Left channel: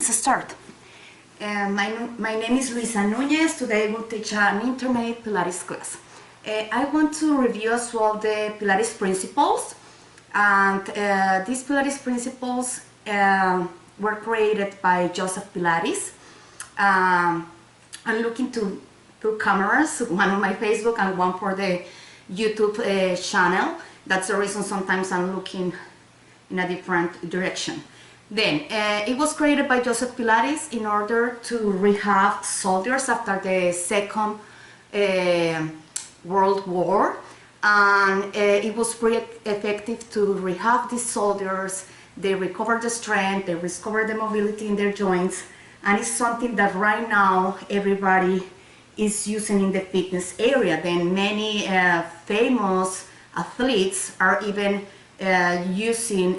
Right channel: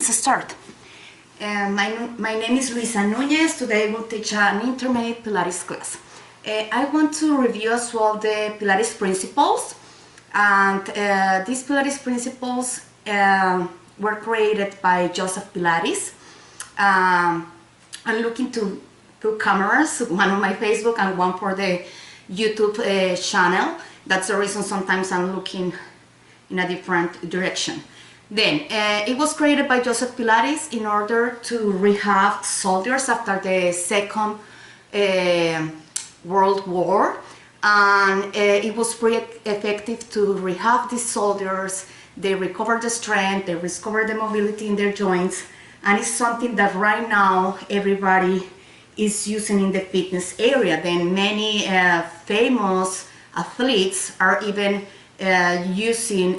Let's start. My name is Luisa Nunez. Today I will teach an intermediate Pilates class. I want to review as well the Pilates principles, and these Pilates principles were created by Joseph Pilates. I'm looking through cameras, one on my Facebook and one for the YouTube channel. That's the reason sometimes I'm looking in a different direction. Then, it was created by Joseph Pilates in order to rehab soldiers after the Second World War, and it was pretty effective to rehab these soldiers. They recover the strength, they recover the mobility in their joints, and it's something that right now everybody is using in the fitness area. Then many famous athletes are even using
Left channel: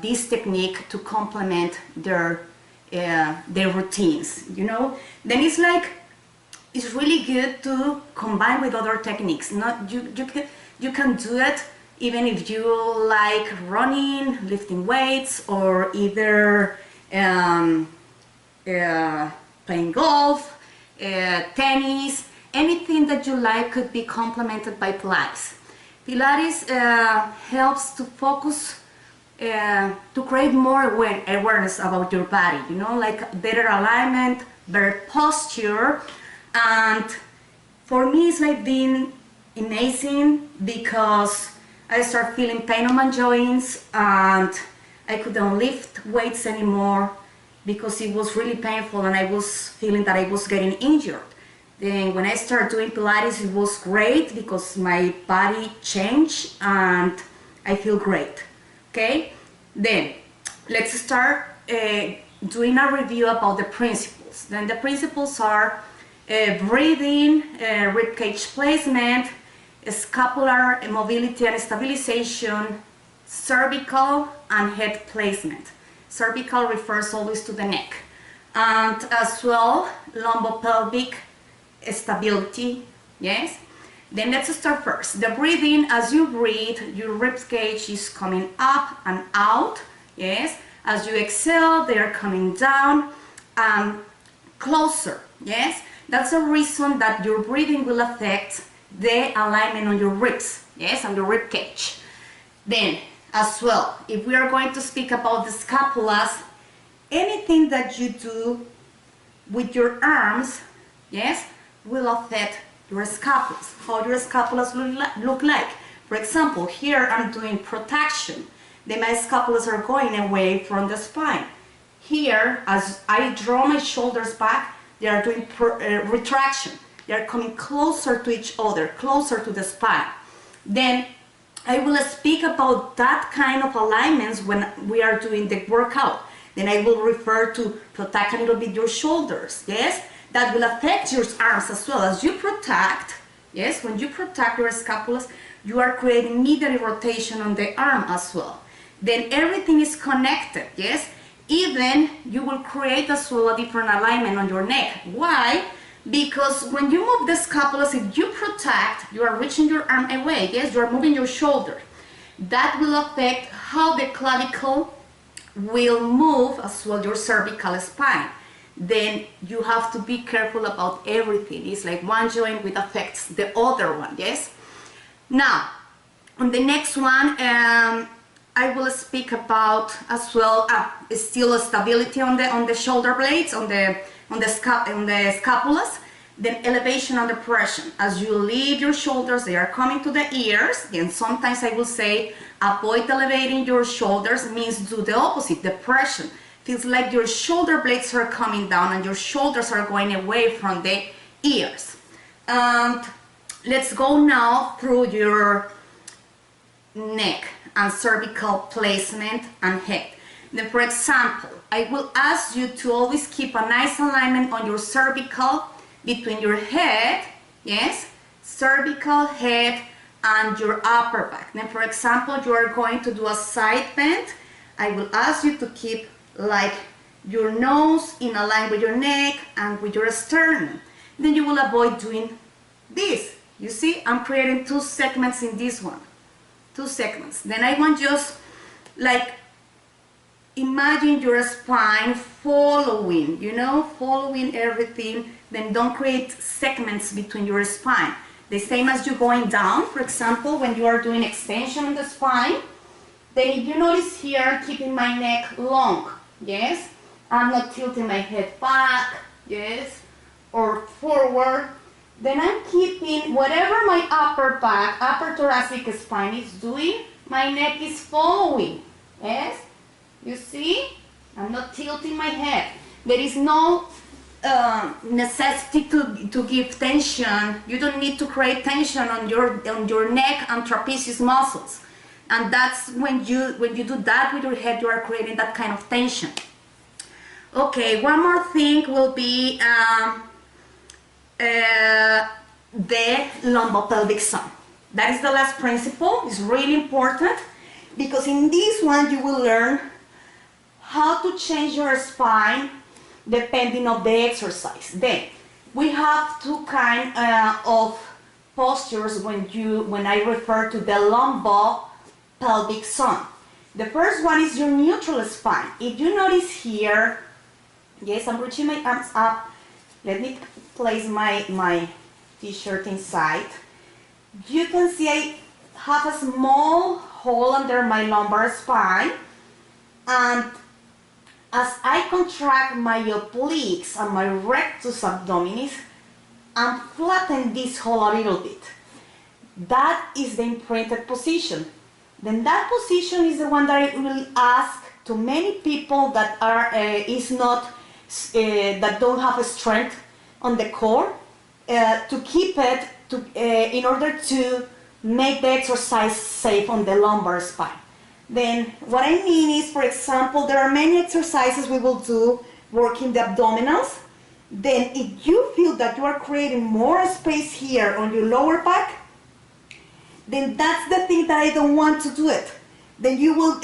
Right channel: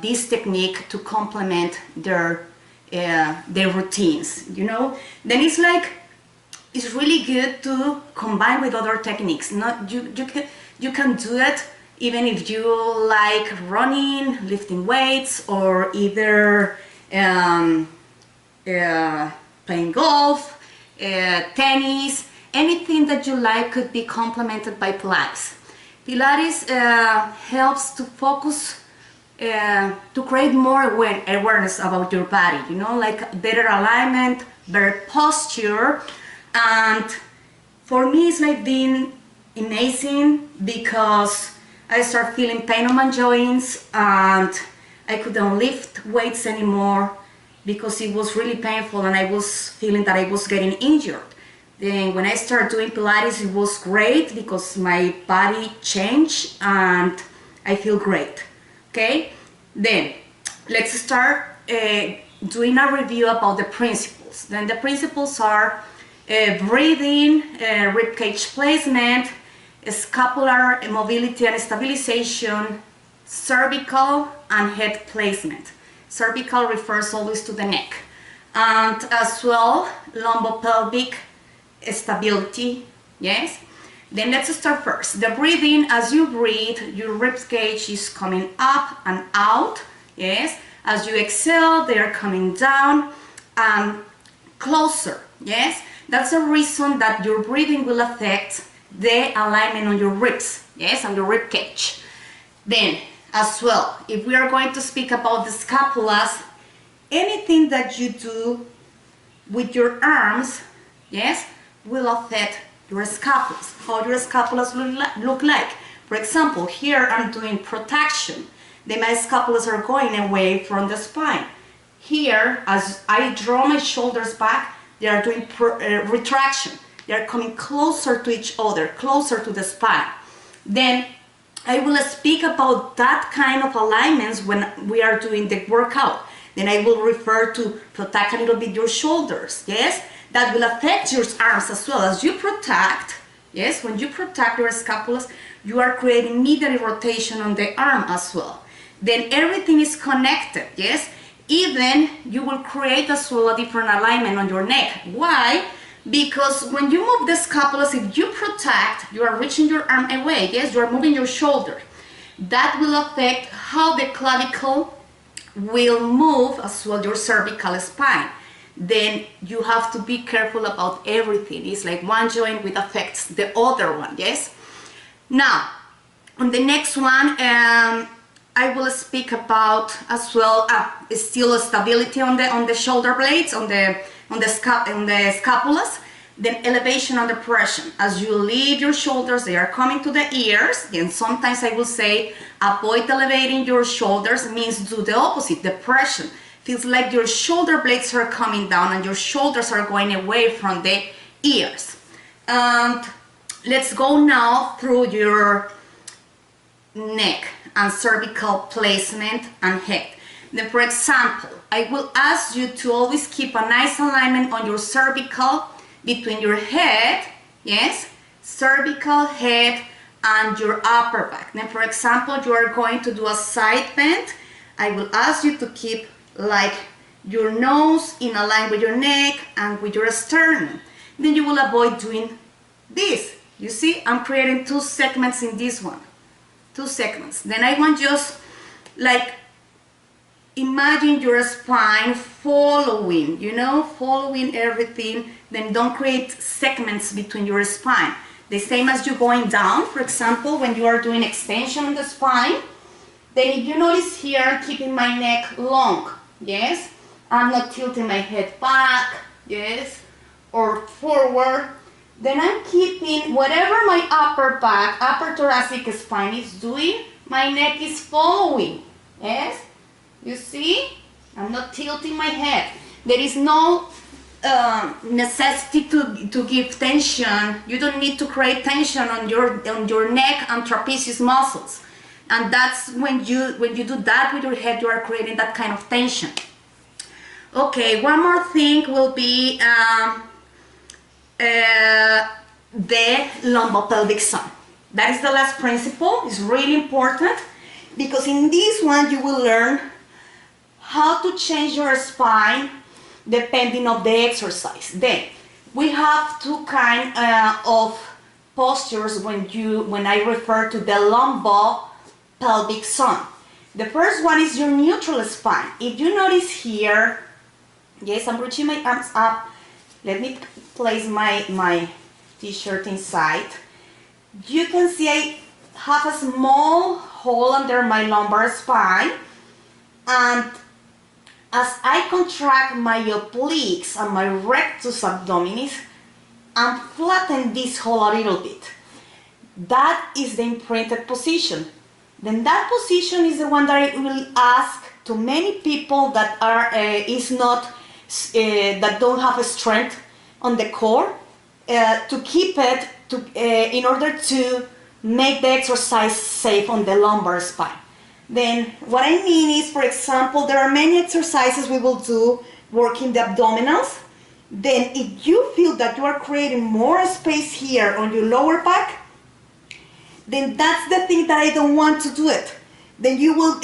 this technique to complement their routines, you know. Then it's really good to combine with other techniques. You can do it even if you like running, lifting weights, or either playing golf, tennis. Anything that you like could be complemented by Pilates. Pilates helps to focus, to create more awareness about your body, you know, like better alignment, better posture. And for me, it's like been amazing because I start feeling pain on my joints and I couldn't lift weights anymore because it was really painful and I was feeling that I was getting injured. Then when I started doing Pilates, it was great because my body changed and I feel great. Okay, then let's start doing a review about the principles. Then the principles are breathing, rib cage placement, scapular mobility and stabilization, cervical and head placement. Cervical refers always to the neck, and as well lumbopelvic stability. Yes. Then let's start first. The breathing. As you breathe, your rib cage is coming up and out. Yes. As you exhale, they are coming down and closer. Yes. That's the reason that your breathing will affect the alignment on your ribs. Yes, on your rib cage. Then as well, if we are going to speak about the scapulas, anything that you do with your arms, yes, will affect your scapulas, how your scapulas look like. For example, here I'm doing protraction. Then my scapulas are going away from the spine. Here, as I draw my shoulders back, they are doing retraction. They are coming closer to each other, closer to the spine. Then I will speak about that kind of alignments when we are doing the workout. Then I will refer to protect a little bit your shoulders, yes? That will affect your arms as well. As you protect, yes, when you protect your scapulas, you are creating medial rotation on the arm as well. Then everything is connected, yes? Even you will create as well a different alignment on your neck. Why? Because when you move the scapulas, if you protect, you are reaching your arm away, yes? You are moving your shoulder. That will affect how the clavicle will move as well your cervical spine. Then you have to be careful about everything. It's like one joint which affects the other one, yes? Now, on the next one, I will speak about as well still stability on the shoulder blades, on the scapulas. Then elevation and depression. As you leave your shoulders, they are coming to the ears. Then sometimes I will say avoid elevating your shoulders, means do the opposite, depression. Feels like your shoulder blades are coming down and your shoulders are going away from the ears. And let's go now through your neck and cervical placement and head. Then for example, I will ask you to always keep a nice alignment on your cervical between your head, yes, cervical, head, and your upper back. Then for example, you are going to do a side bend. I will ask you to keep like your nose in a line with your neck and with your sternum. Then you will avoid doing this. You see, I'm creating two segments in this one. Two segments. Then I want just like imagine your spine following, you know, following everything. Then don't create segments between your spine. The same as you going down, for example, when you are doing extension on the spine. Then if you notice here, I'm keeping my neck long, yes? I'm not tilting my head back, yes? Or forward. Then I'm keeping whatever my upper back, upper thoracic spine is doing, my neck is following, yes? You see? I'm not tilting my head. There is no necessity to give tension. You don't need to create tension on your neck and trapezius muscles. And that's when you do that with your head, you are creating that kind of tension. Okay, one more thing will be the lumbopelvic sun. That is the last principle. It's really important because in this one you will learn how to change your spine depending on the exercise. Then we have two kind of postures when I refer to the lumbopelvic sun. The first one is your neutral spine. If you notice here, yes, I'm reaching my arms up. Let me place my t-shirt inside. You can see I have a small hole under my lumbar spine, and as I contract my obliques and my rectus abdominis, I'm flatten this hole a little bit. That is the imprinted position. Then that position is the one that I will ask to many people that are that don't have a strength on the core to keep it in order to make the exercise safe on the lumbar spine. Then what I mean is, for example, there are many exercises we will do working the abdominals. Then if you feel that you are creating more space here on your lower back, then that's the thing that I don't want to do it. Then you will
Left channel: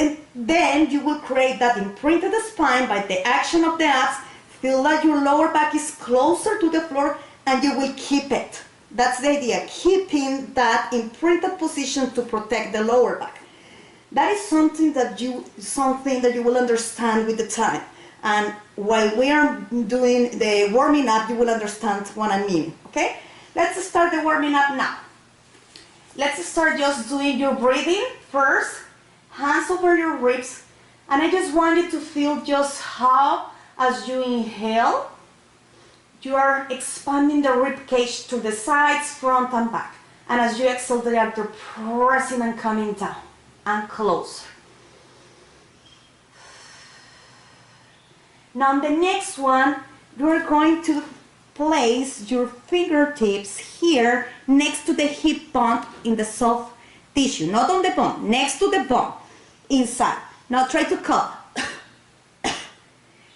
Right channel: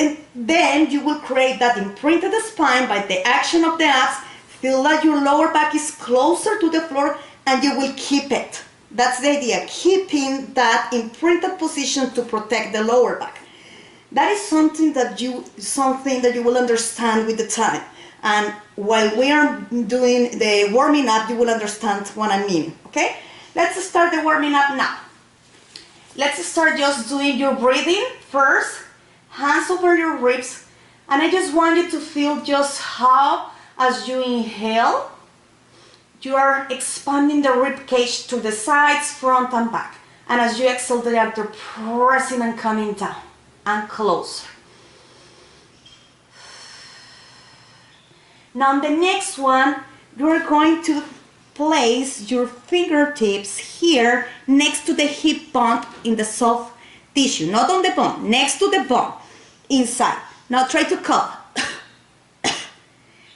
create that imprinted spine by the action of the abs. Feel that your lower back is closer to the floor, and you will keep it. That's the idea, keeping that imprinted position to protect the lower back. That is something that you will understand with the time. And while we are doing the warming up, you will understand what I mean, okay? Let's start the warming up now. Let's start just doing your breathing first, hands over your ribs, and I just want you to feel just how, as you inhale, you are expanding the rib cage to the sides, front and back. And as you exhale, they are pressing and coming down and closer. Now on the next one, you are going to place your fingertips here next to the hip bone in the soft tissue, not on the bone, next to the bone, inside. Now try to cup.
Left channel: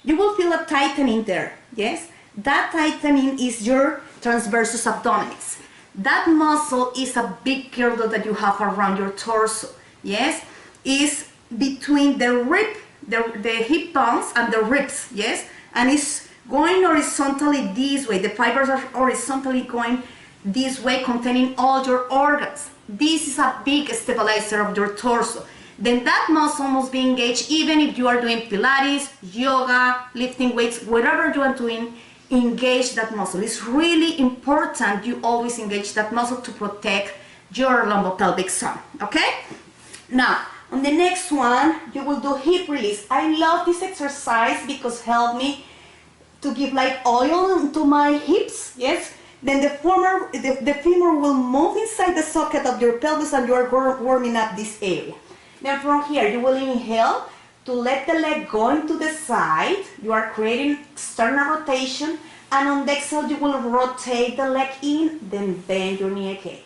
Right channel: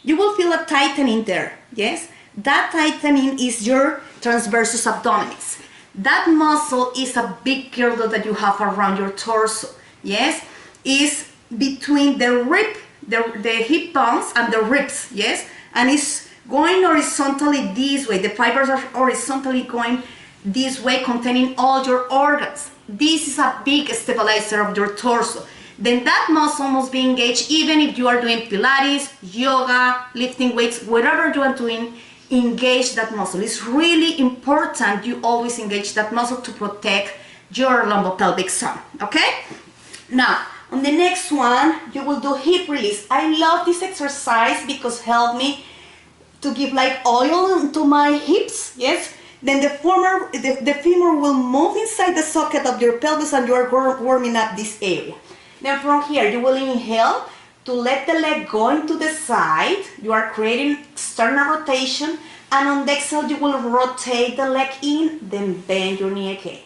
You will feel a tightening there, yes? That tightening is your transversus abdominis. That muscle is a big girdle that you have around your torso, yes? Is between the rib, the hip bones and the ribs, yes? And it's going horizontally this way. The fibers are horizontally going this way, containing all your organs. This is a big stabilizer of your torso. Then that muscle must be engaged even if you are doing Pilates, yoga, lifting weights, whatever you are doing, engage that muscle. It's really important you always engage that muscle to protect your lumbopelvic zone, okay? Now, on the next one, you will do hip release. I love this exercise because it helps me to give like oil to my hips, yes? Then the femur will move inside the socket of your pelvis and you are warming up this area. Then from here, you will inhale to let the leg go into the side. You are creating external rotation. And on the exhale, you will rotate the leg in, then bend your knee again.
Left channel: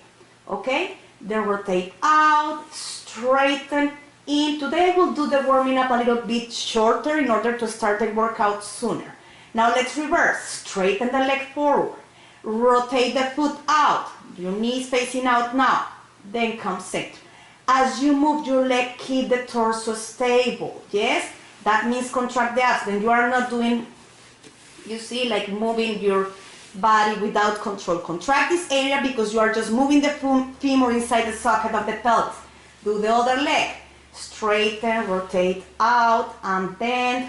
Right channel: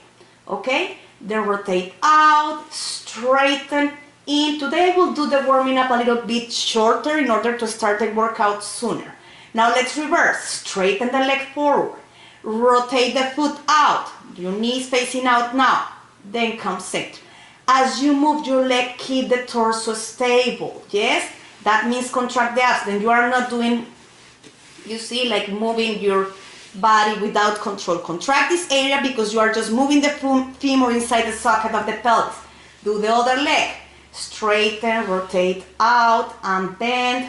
Okay? Then rotate out, straighten in. Today, we'll do the warming up a little bit shorter in order to start the workout sooner. Now, let's reverse. Straighten the leg forward. Rotate the foot out. Your knee is facing out now. Then come center. As you move your leg, keep the torso stable, yes? That means contract the abs. Then you are not doing, you see, like moving your body without control. Contract this area because you are just moving the femur inside the socket of the pelvis. Do the other leg. straighten, rotate out, and bend,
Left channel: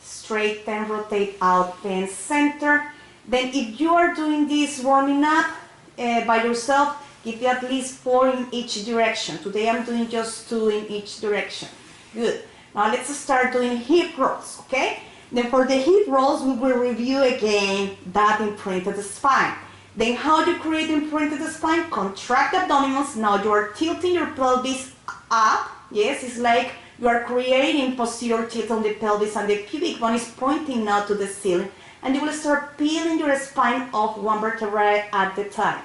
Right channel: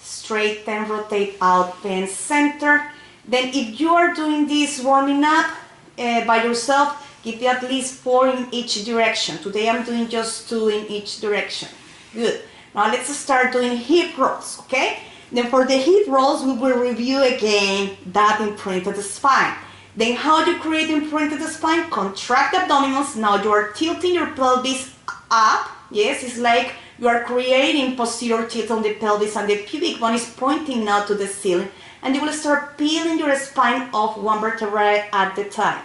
straighten, rotate out, bend, center. Then if you are doing this warming up by yourself, give you at least 4 in each direction. Today I'm doing just 2 in each direction. Good. Now let's start doing hip rolls, okay? Then for the hip rolls, we will review again that imprinted spine. Then how do you create imprinted spine? Contract the abdominals. Now you are tilting your pelvis up. Yes, it's like you are creating posterior tilt on the pelvis and the pubic bone is pointing now to the ceiling. And you will start peeling your spine off one vertebra at the time.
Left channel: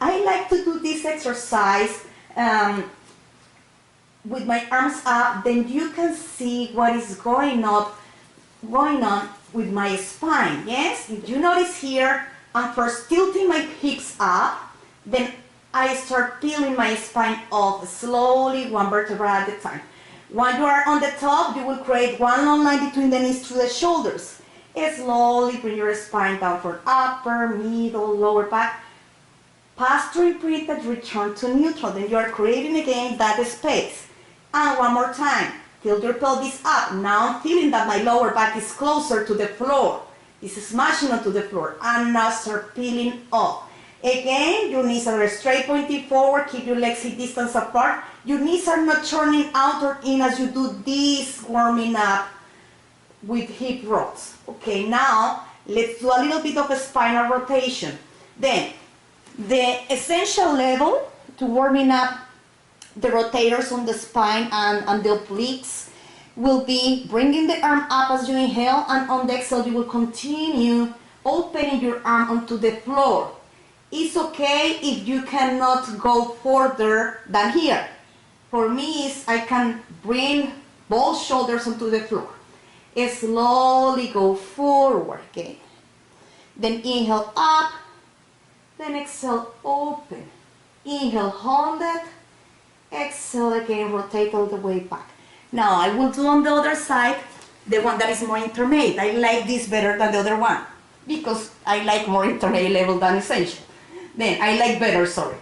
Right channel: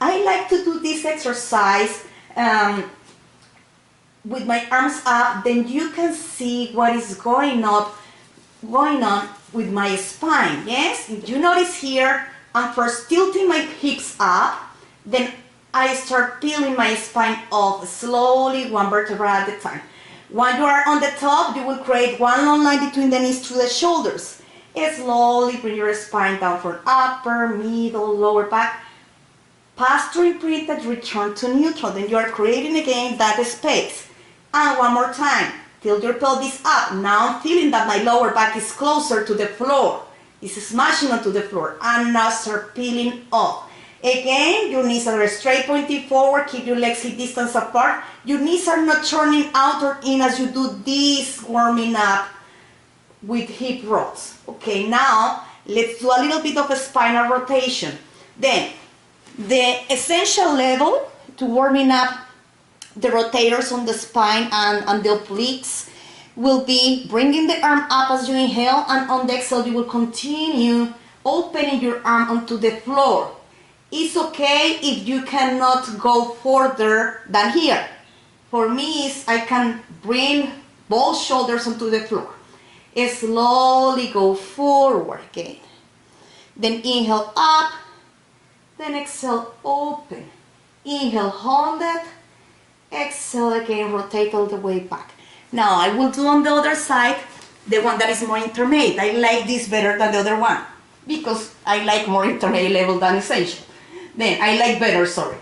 I like to do this exercise with my arms up. Then you can see what is going on with my spine. Yes, if you notice here, I'm first tilting my hips up, then I start peeling my spine off slowly, one vertebra at a time. When you are on the top, you will create one long line between the knees to the shoulders. Slowly bring your spine down from upper, middle, lower back. Pass through imprinted, return to neutral. Then you are creating again that space. And one more time, tilt your pelvis up. Now I'm feeling that my lower back is closer to the floor. It's smashing onto the floor. And now start peeling off. Again, your knees are straight pointing forward. Keep your legs hip distance apart. Your knees are not turning out or in as you do this warming up with hip rolls. Okay, now let's do a little bit of a spinal rotation. Then, the essential level to warming up the rotators on the spine and the obliques will be bringing the arm up as you inhale, and on the exhale you will continue opening your arm onto the floor. It's okay if you cannot go further than here. For me, I can bring both shoulders onto the floor. Slowly go forward again. Then inhale up, then exhale open. Inhale, hold it. Exhale again, rotate all the way back. Now I will do on the other side, the one that is more intermediate. I like this better than the other one because I like more intermediate level than essential. Then I like better, sorry.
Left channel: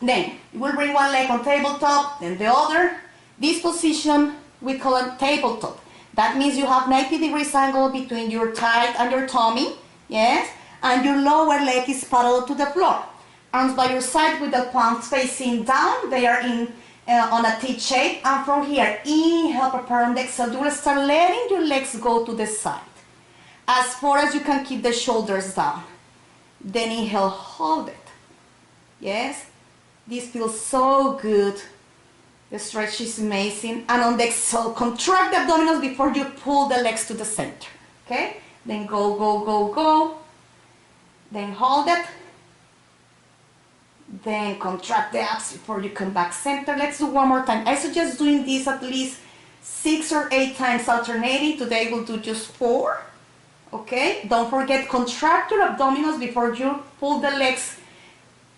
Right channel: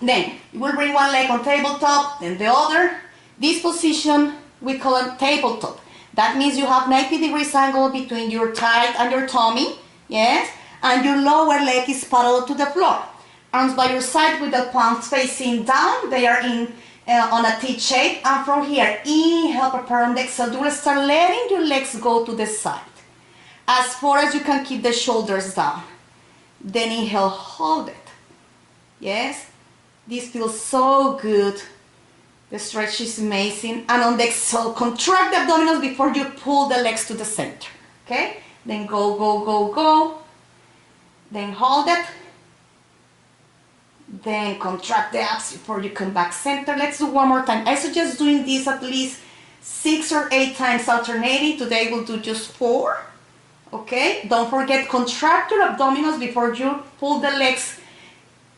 Then you will bring one leg on tabletop, then the other. This position we call it tabletop. That means you have 90 degrees angle between your thigh and your tummy, yes? And your lower leg is parallel to the floor. Arms by your side with the palms facing down. They are on a T shape. And from here, inhale, prepare on the exhale. You will start letting your legs go to the side. As far as you can keep the shoulders down. Then inhale, hold it. Yes? This feels so good. The stretch is amazing. And on the exhale, contract the abdominals before you pull the legs to the center. Okay? Then go, go, go, go. Then hold it. Then contract the abs before you come back center. Let's do one more time. I suggest doing this at least 6 or 8 times alternating. Today we'll do just 4. Okay? Don't forget, contract your abdominals before you pull the legs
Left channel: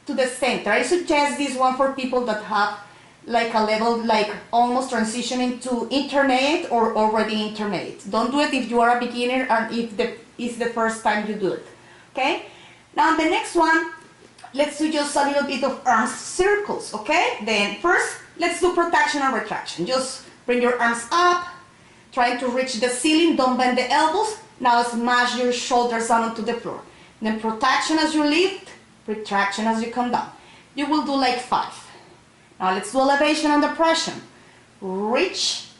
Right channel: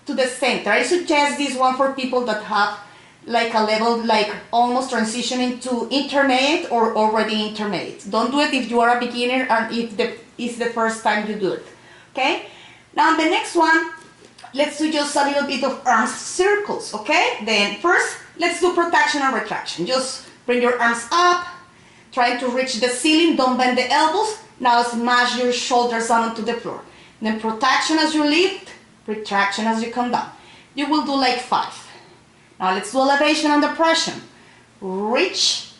to the center. I suggest this one for people that have like a level like almost transitioning to intermediate or already intermediate. Don't do it if you are a beginner and if it's the first time you do it. Okay? Now the next one, let's do just a little bit of arms circles, okay? Then first, let's do protraction and retraction. Just bring your arms up, trying to reach the ceiling, don't bend the elbows. Now smash your shoulders down onto the floor. Then protraction as you lift, retraction as you come down. You will do like 5. Now let's do elevation and depression. Reach,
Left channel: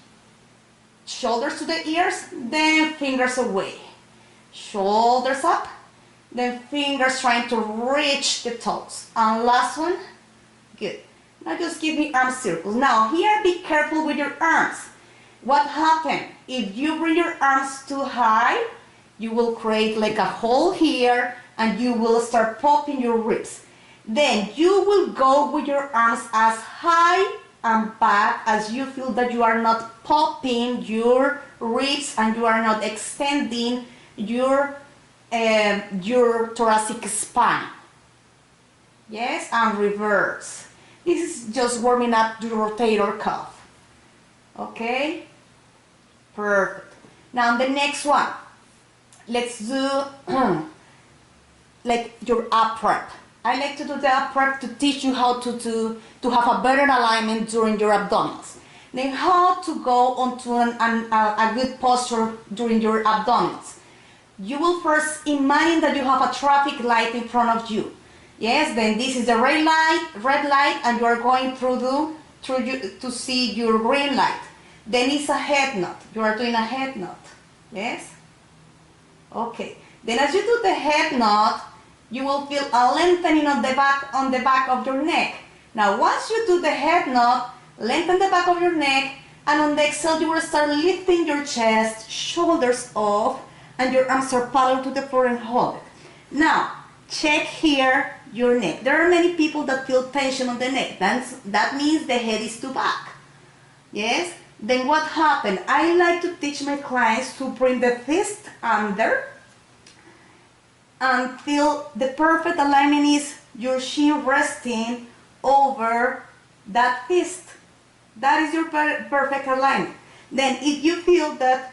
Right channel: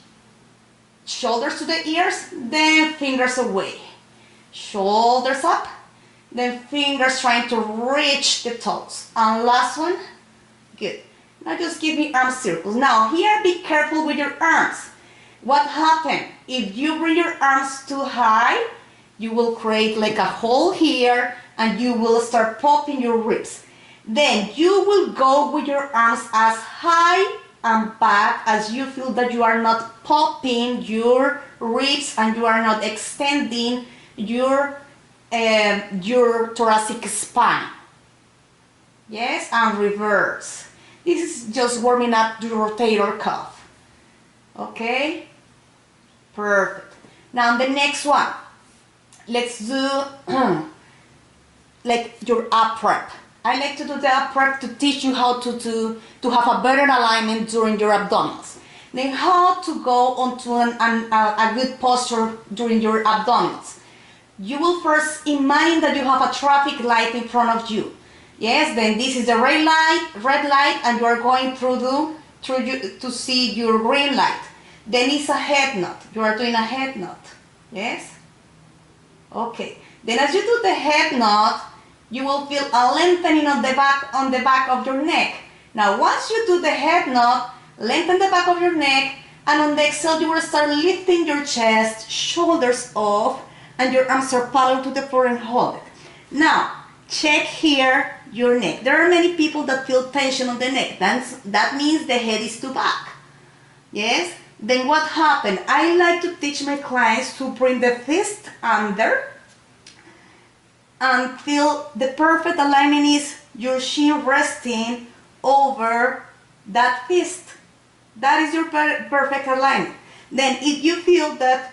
shoulders to the ears, then fingers away. Shoulders up, then fingers trying to reach the toes. And last one, good. Now just give me arm circles. Now here, be careful with your arms. What happens? If you bring your arms too high, you will create like a hole here and you will start popping your ribs. Then you will go with your arms as high and back as you feel that you are not popping your ribs and you are not extending your thoracic spine. Yes, and reverse. This is just warming up the rotator cuff. Okay, perfect. Now the next one, let's do like your up prep. I like to do the up prep to teach you how to have a better alignment during your abdominals. Then how to go onto a good posture during your abdominals. You will first imagine that you have a traffic light in front of you. Yes, then this is the red light, and you are going to see your green light. Then it's a head nod. You are doing a head nod. Yes? Okay. Then as you do the head nod, you will feel a lengthening on the back of your neck. Now once you do the head nod, lengthen the back of your neck, and on the exhale you will start lifting your chest, shoulders off, and your arms are parallel to the floor and hold it. Now, check here your neck. There are many people that feel tension on the neck. That means the head is too back. Yes? Then what happened? I like to teach my clients to bring the fist under until the perfect alignment is your shin resting over that fist. That is your perfect alignment. Then if you feel that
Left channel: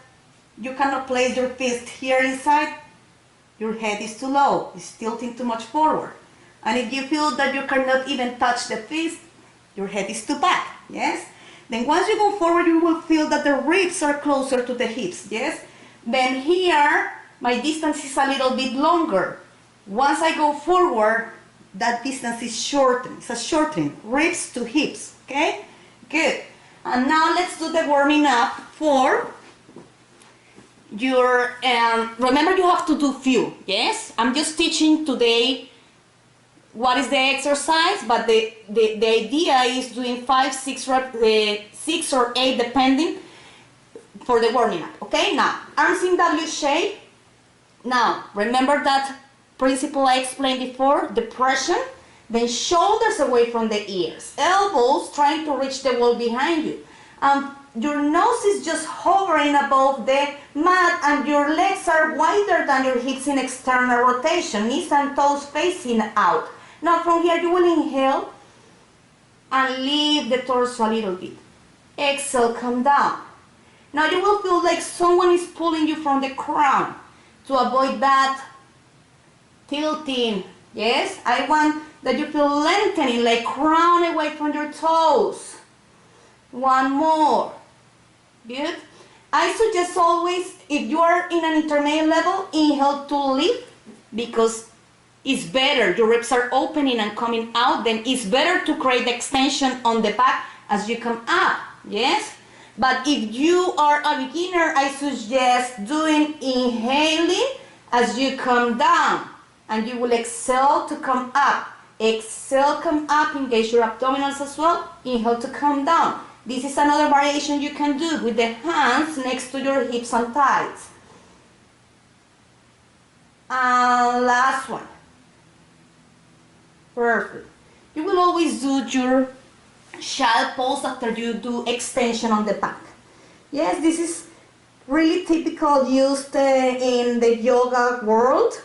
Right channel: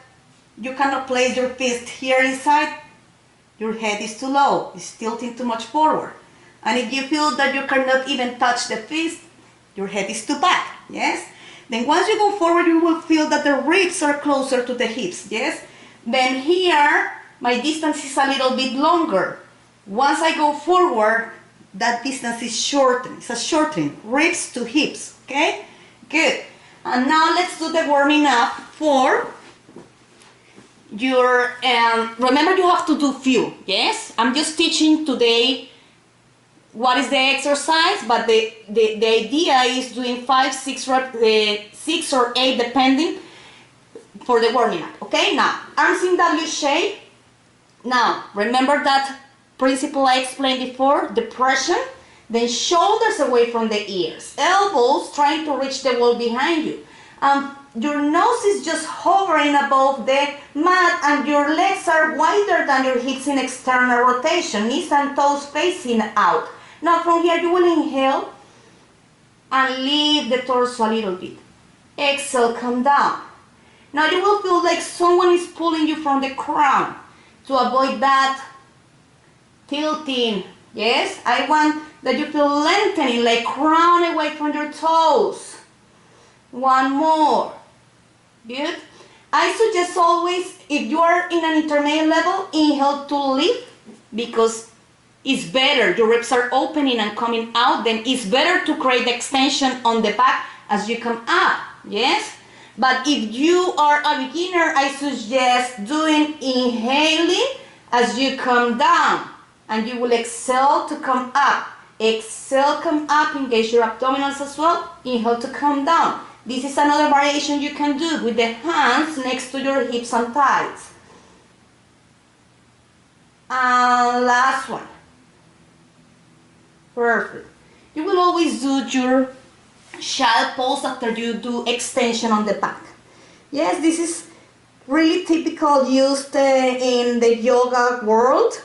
you cannot place your fist here inside, your head is too low, it's tilting too much forward. And if you feel that you cannot even touch the fist, your head is too back, yes? Then once you go forward, you will feel that the ribs are closer to the hips, yes? Then here, my distance is a little bit longer. Once I go forward, that distance is shortened. It's a shortening, ribs to hips, okay? Good. And now let's do the warming up for your, remember you have to do few, yes? I'm just teaching today what is the exercise, but the idea is doing 5, 6 reps, 6 or 8 depending for the warming up, okay? Now, arms in W shape. Now, remember that principle I explained before, depression, then shoulders away from the ears, elbows trying to reach the wall behind you. Your nose is just hovering above the mat, and your legs are wider than your hips in external rotation, knees and toes facing out. Now from here you will inhale and lift the torso a little bit. Exhale, come down. Now you will feel like someone is pulling you from the crown. To avoid that tilting, yes, I want that you feel lengthening, like crown away from your toes. One more. Good. I suggest always, if you are in an intermediate level, inhale to lift, because it's better. Your ribs are opening and coming out. Then it's better to create extension on the back as you come up. Yes? But if you are a beginner, I suggest doing inhaling as you come down. And you will exhale to come up. Exhale, come up, engage your abdominals as well. Inhale to come down. This is another variation you can do with the hands next to your hips and thighs. And last one. Perfect. You will always do your child pose after you do extension on the back. Yes, this is really typical used in the yoga world.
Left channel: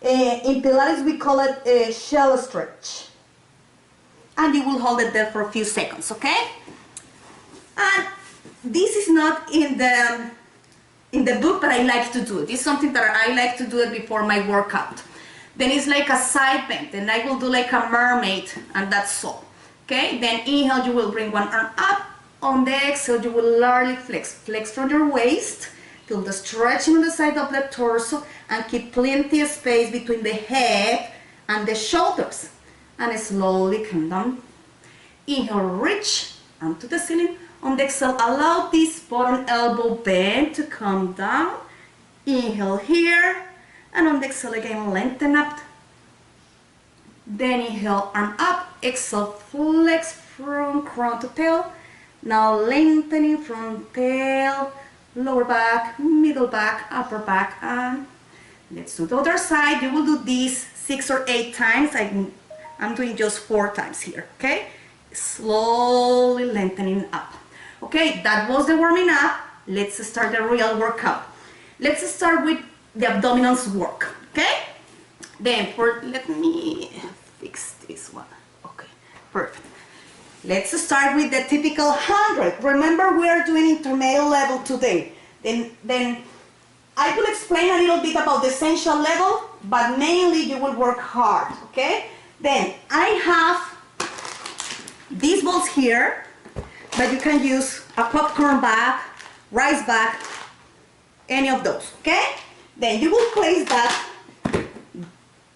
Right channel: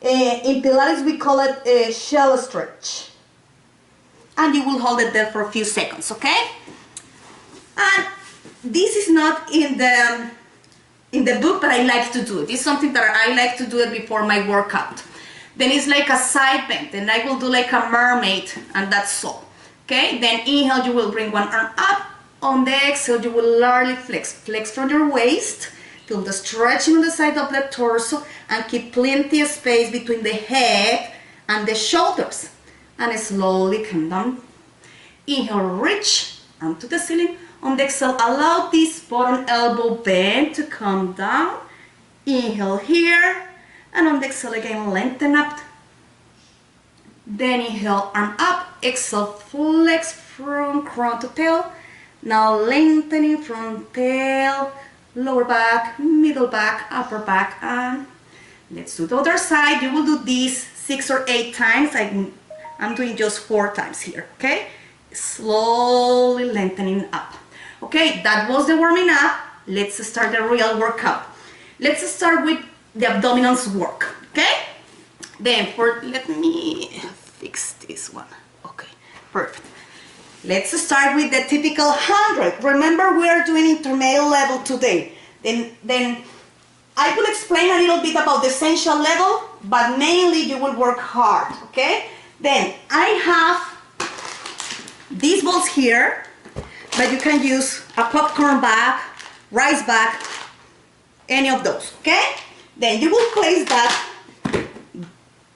In Pilates we call it a shell stretch. And you will hold it there for a few seconds, okay? And this is not in the book, but I like to do it. This is something that I like to do it before my workout. Then it's like a side bend, and I will do like a mermaid, and that's all. Okay, then inhale, you will bring one arm up. On the exhale, you will largely flex from your waist, feel the stretching on the side of the torso, and keep plenty of space between the head and the shoulders. And slowly come down. Inhale, reach, arm to the ceiling. On the exhale, allow this bottom elbow bend to come down. Inhale here. And on the exhale again, lengthen up. Then inhale, arm up. Exhale, flex from crown to tail. Now lengthening from tail, lower back, middle back, upper back. And let's do the other side. You will do this 6 or 8 times. I'm doing just 4 times here, okay? Slowly lengthening up. Okay, that was the warming up. Let's start the real workout. Let's start with the abdominals work, okay? Then let me fix this one. Okay, perfect. Let's start with the typical 100. Remember, we are doing intermediate level today. Then I will explain a little bit about the essential level, but mainly you will work hard, okay? Then I have these balls here, but but you can use a popcorn bag, rice bag, any of those, okay? Then you will place that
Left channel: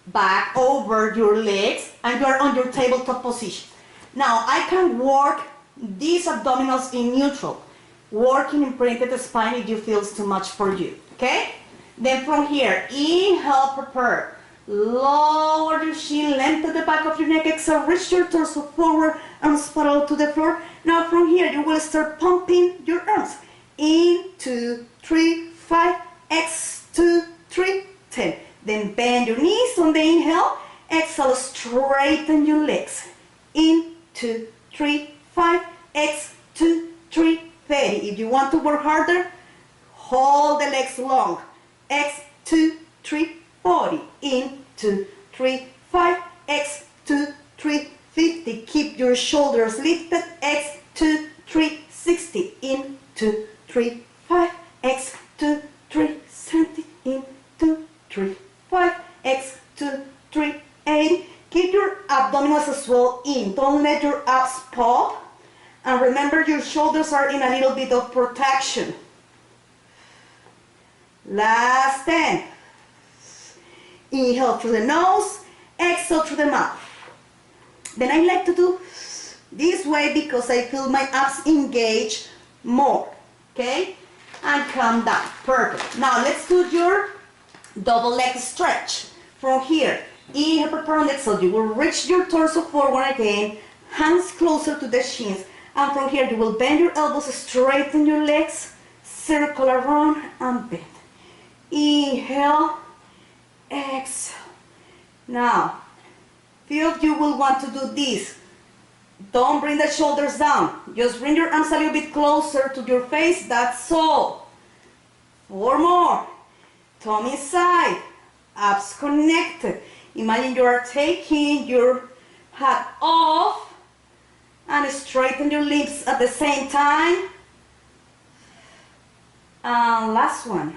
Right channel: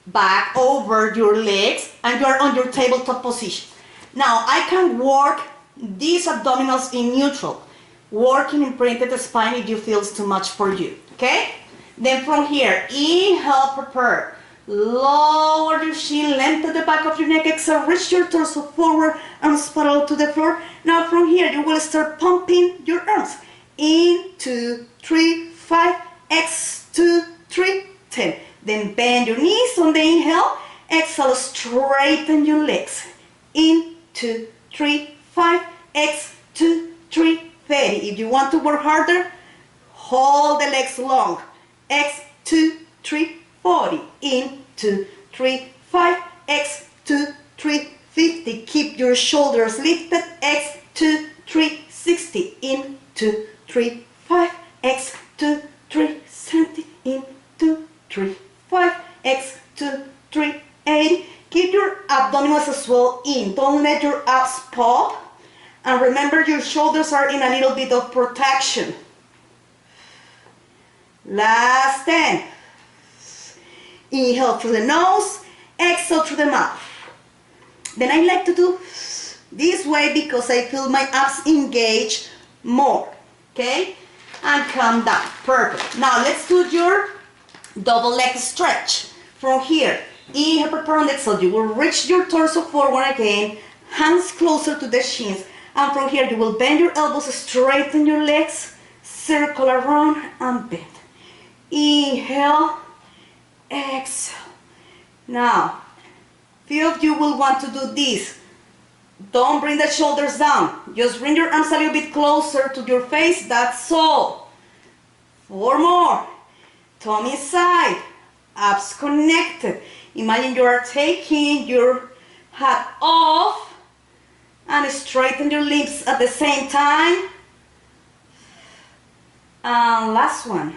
bag over your legs and you're on your tabletop position. Now I can work these abdominals in neutral, working in printed spine if you feel it's too much for you, okay? Then from here, inhale, prepare. Lower your chin, lengthen the back of your neck, exhale, reach your torso forward, arms parallel to the floor. Now from here, you will start pumping your arms. In, 2, 3, 5, X, 2, 3, 10. Then bend your knees on the inhale, exhale, straighten your legs. In, 2, 3, 5, X, 2, 3, 30. If you want to work harder, hold the legs long. X, 2, 3, 40. In, 2, 3, 5, X, 2, 3, 50. Keep your shoulders lifted. X, 2, 3, 60. In, 2, 3, 5, X, 2, 3, 70. In, 2, 3, 5, X, 2, 3, 80. Keep your abdominals as well in. Don't let your abs pop. And remember, your shoulders are in a little bit of protection. Last 10. Inhale through the nose, exhale through the mouth. Then I like to do this way because I feel my abs engage more. Okay? And come down. Perfect. Now let's do your double leg stretch. From here, inhale, prepare on exhale. You will reach your torso forward again, hands closer to the shins. And from here, you will bend your elbows, straighten your legs, circle around and bend. Inhale, exhale. Now, few of you will want to do this. Don't bring the shoulders down. Just bring your arms a little bit closer to your face. That's all. 4 more. Tummy side. Abs connected. Imagine you are taking your hat off and straighten your lips at the same time. And last one.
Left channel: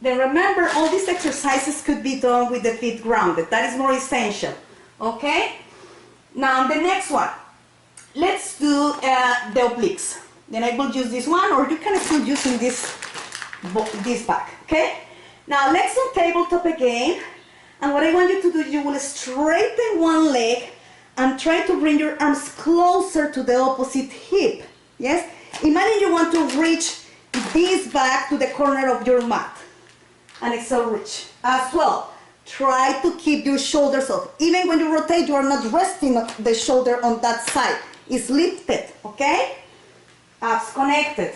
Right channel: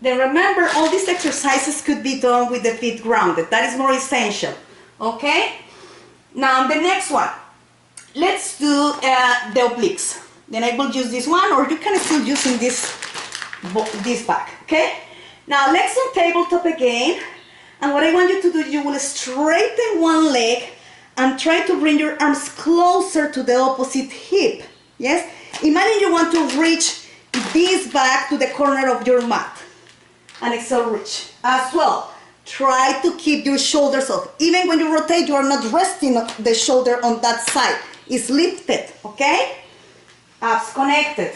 Then remember, all these exercises could be done with the feet grounded. That is more essential. Okay? Now the next one. Let's do the obliques. Then I will use this one, or you can still using this back. Okay? Now legs on tabletop again. And what I want you to do, you will straighten one leg and try to bring your arms closer to the opposite hip. Yes? Imagine you want to reach this back to the corner of your mat. And exhale, reach. As well, try to keep your shoulders up. Even when you rotate, you are not resting the shoulder on that side. It's lifted, okay? Abs connected.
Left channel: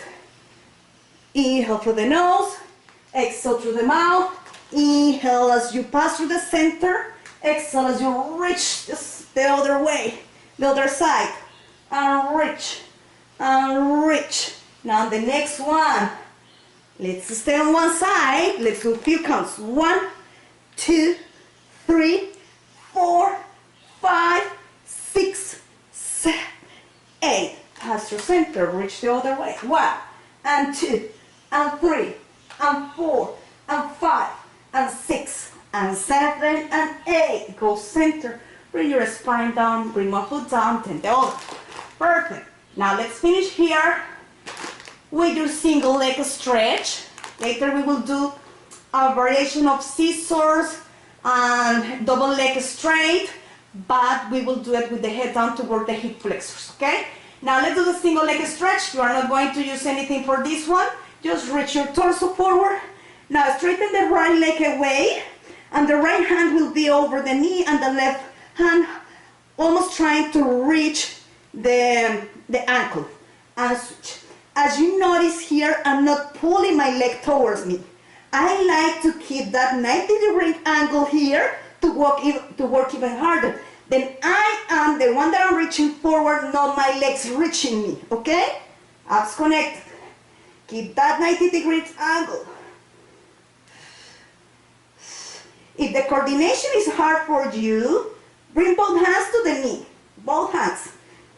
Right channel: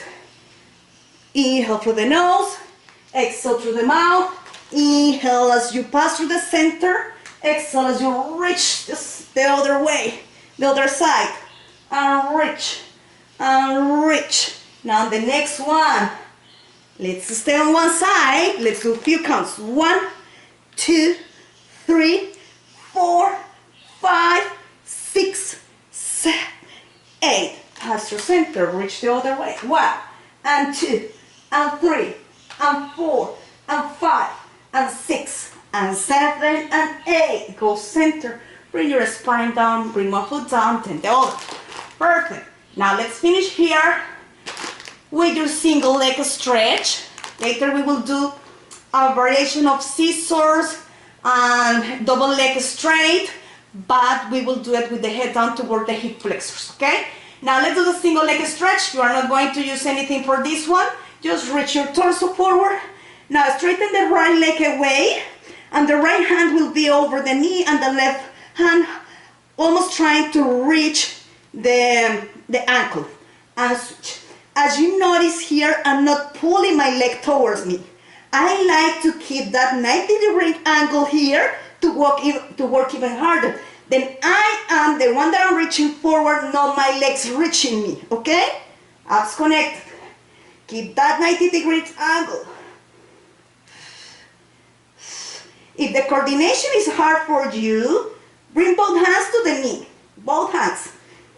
Inhale through the nose, exhale through the mouth. Inhale as you pass through the center. Exhale as you reach the other way, the other side. And reach, and reach. Now the next one. Let's stay on one side. Let's do a few counts. 1, 2, 3, 4, 5, 6, 7, 8. Pass your center. Reach the other way. 1, and 2, and 3, and 4, and 5, and 6, and 7, and 8. Go center. Bring your spine down. Bring one foot down. Then the other. Perfect. Now let's finish here with your single leg stretch. Later we will do a variation of scissors and double leg straight, but we will do it with the head down toward the hip flexors, okay? Now let's do the single leg stretch. You are not going to use anything for this one. Just reach your torso forward. Now straighten the right leg away, and the right hand will be over the knee, and the left hand almost trying to reach the ankle, and switch. As you notice here, I'm not pulling my leg towards me. I like to keep that 90-degree angle here to work even harder. Then I am the one that I'm reaching forward, not my legs reaching me, okay? Abs connected. Keep that 90-degree angle. If the coordination is hard for you, bring both hands to the knee, both hands.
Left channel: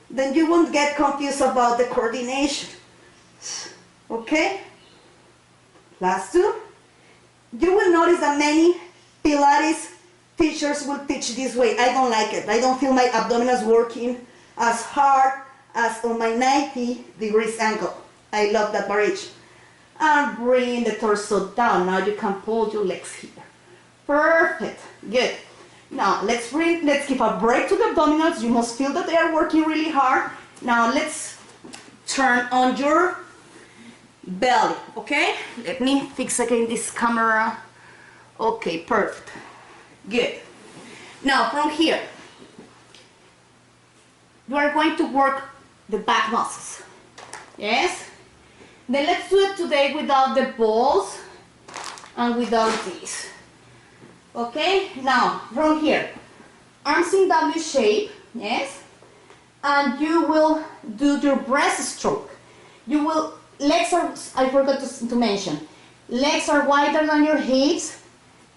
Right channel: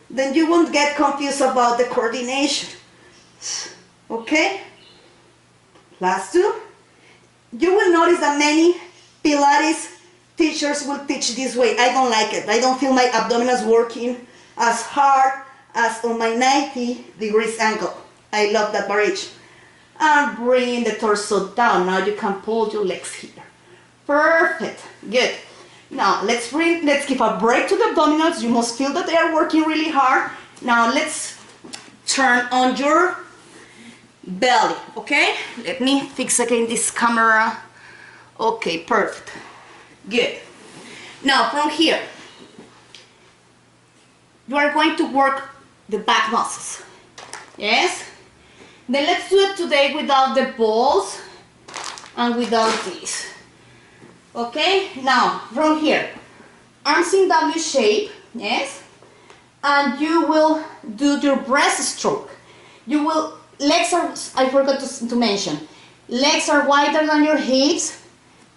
Then you won't get confused about the coordination. Okay? Last 2. You will notice that many Pilates teachers will teach this way. I don't like it. I don't feel my abdominals working as hard as on my 90 degrees angle. I love that variation. And bring the torso down. Now you can pull your legs here. Perfect. Good. Now let's give a break to the abdominals. You must feel that they are working really hard. Now let's turn on your belly. Okay? Let me fix again this camera. Okay, perfect. Good. Now from here, you are going to work the back muscles. Yes? Then let's do it today without the balls and without this. Okay? Now, from here, arms in W shape, yes? And you will do your breaststroke. You will, legs are, I forgot to mention, legs are wider than your hips,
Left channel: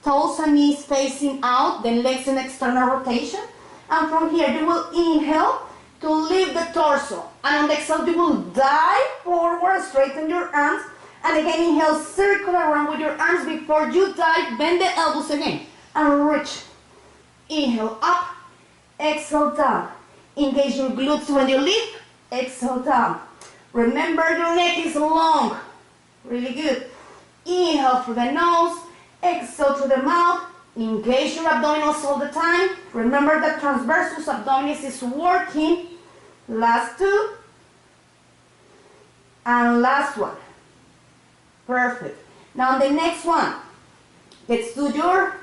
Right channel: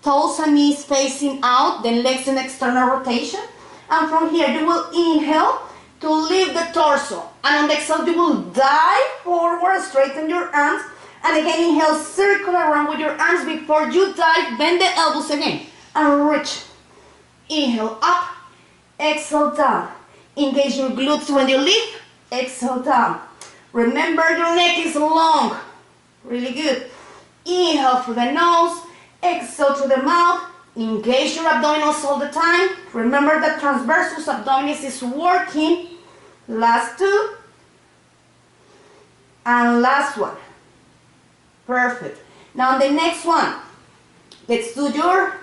toes and knees facing out, then legs in external rotation. And from here, you will inhale to lift the torso. And on the exhale, you will dive forward, straighten your arms. And again, inhale, circle around with your arms before you dive, bend the elbows again. And reach. Inhale, up. Exhale, down. Engage your glutes when you lift. Exhale, down. Remember, your neck is long. Really good. Inhale through the nose. Exhale through the mouth. Engage your abdominals all the time. Remember that transversus abdominis is working. Last two. And last one. Perfect. Now the next one. Let's do your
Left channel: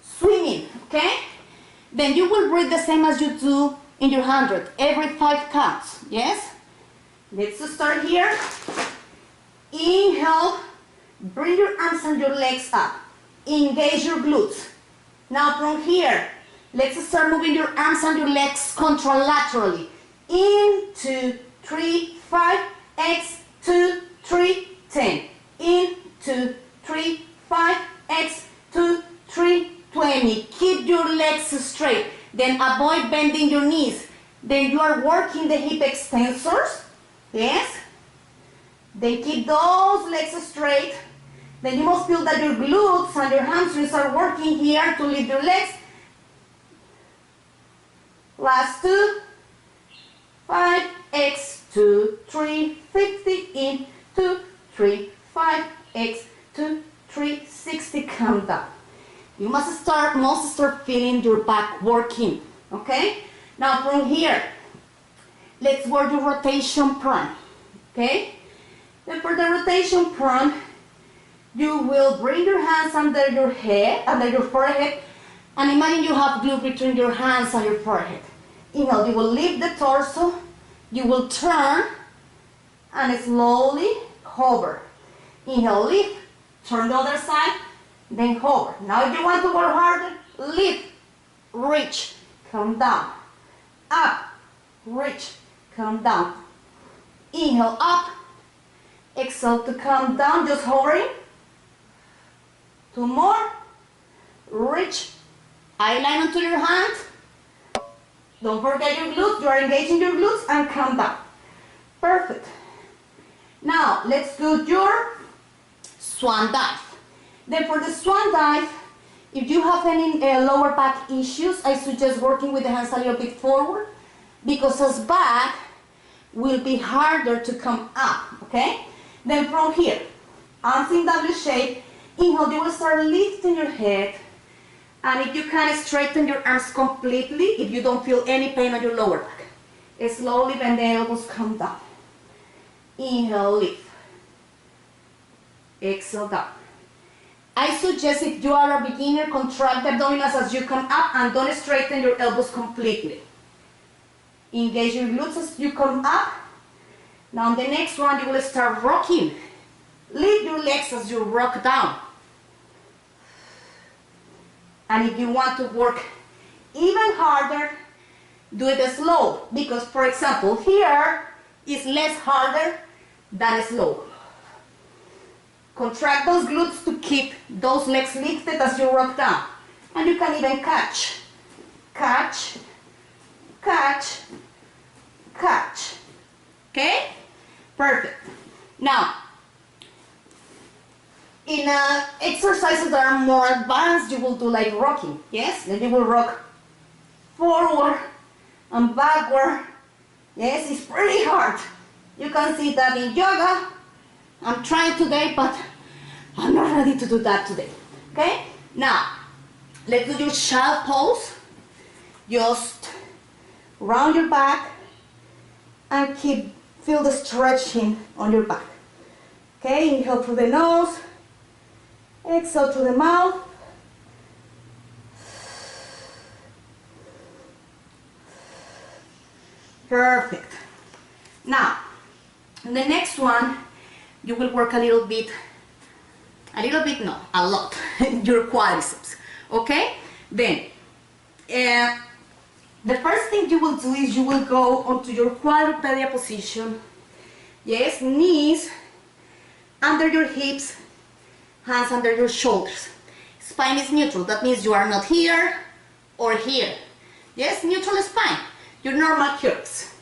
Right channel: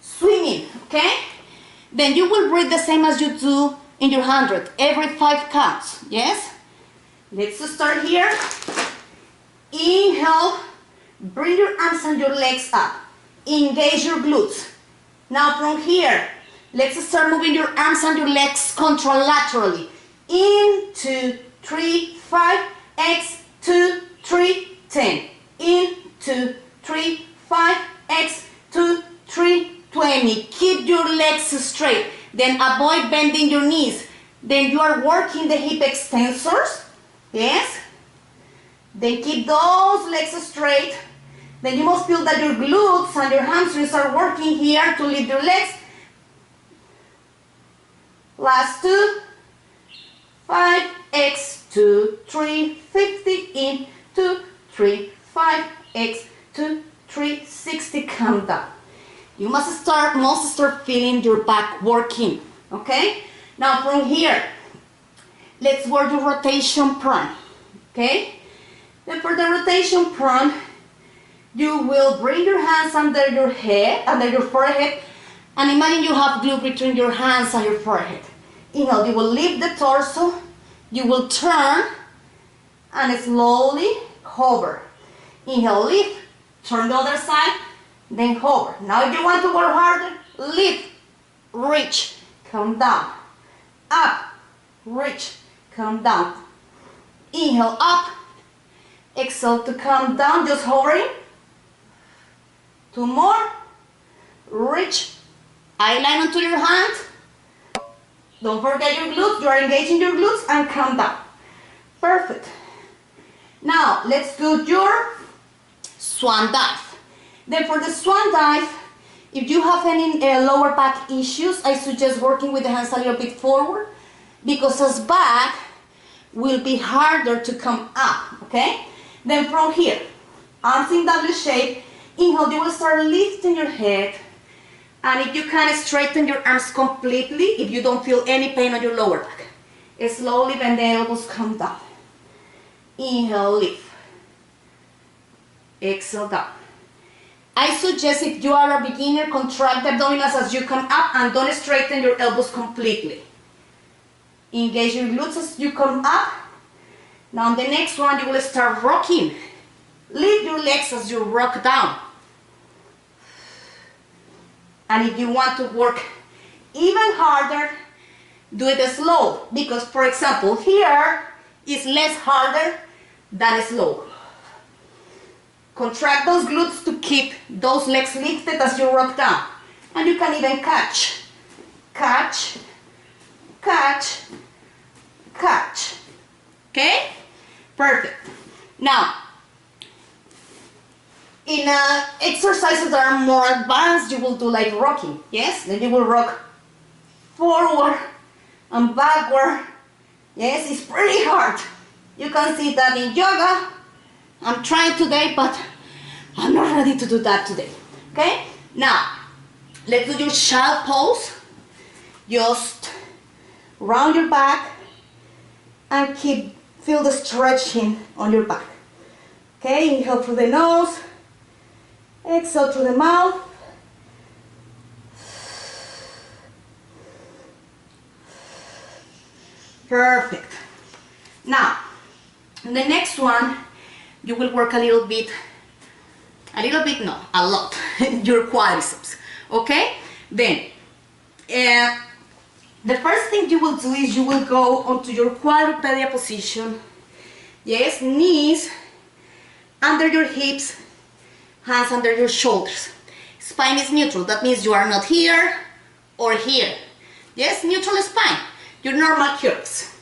swimming, okay? Then you will breathe the same as you do in your 100, every 5 counts, yes? Let's start here. Inhale, bring your arms and your legs up. Engage your glutes. Now from here, let's start moving your arms and your legs contralaterally. In, 2, 3, 5, X, 2, 3, 10. In, 2, 3, 5, X, 2, 3, 20. Keep your legs straight. Then avoid bending your knees. Then you are working the hip extensors. Yes? Then keep those legs straight. Then you must feel that your glutes and your hamstrings are working here to lift your legs. Last two. 5, X, 2, 3, 50. In, 2, 3, 5, X, 2, 3, 60. Come down. You must start feeling your back working, okay? Now from here, let's work your rotation prone, okay? Then for the rotation prone, you will bring your hands under your head, under your forehead, and imagine you have glue between your hands and your forehead. Inhale, you will lift the torso, you will turn, and slowly hover. Inhale, lift, turn the other side, then hover. Now if you want to work harder, lift, reach, come down, up, reach, come down. Inhale, up, exhale to come down, just hovering. 2 more, reach, eye line onto your hand. Don't forget your glutes, you are engaging your glutes, and come down. Perfect. Now let's do your swan dive. Then for the swan dive, if you have any lower back issues, I suggest working with the hands a little bit forward, because as back will be harder to come up, okay? Then from here, arms in W shape, inhale, you will start lifting your head, and if you can, straighten your arms completely if you don't feel any pain on your lower back. Slowly bend the elbows, come down. Inhale, lift. Exhale, down. I suggest if you are a beginner, contract the abdominals as you come up and don't straighten your elbows completely. Engage your glutes as you come up. Now the next one, you will start rocking. Lift your legs as you rock down. And if you want to work even harder, do it slow. Because, for example, here is less harder than slow. Contract those glutes to keep those legs lifted as you rock down. And you can even catch, catch, catch, catch. Okay? Perfect. Now, in exercises that are more advanced, you will do like rocking. Yes? Then you will rock forward and backward Yes, it's pretty hard. You can see that in yoga. I'm trying today, but I'm not ready to do that today. Okay? Now, let's do your child pose. Just round your back and feel the stretching on your back. Okay, inhale through the nose, exhale through the mouth. Perfect. Now, the next one, you will work a lot, your quadriceps, okay? Then, the first thing you will do is you will go onto your quadrupedia position. Yes, knees under your hips, hands under your shoulders. Spine is neutral, that means you are not here or here. Yes, neutral spine, your normal curves.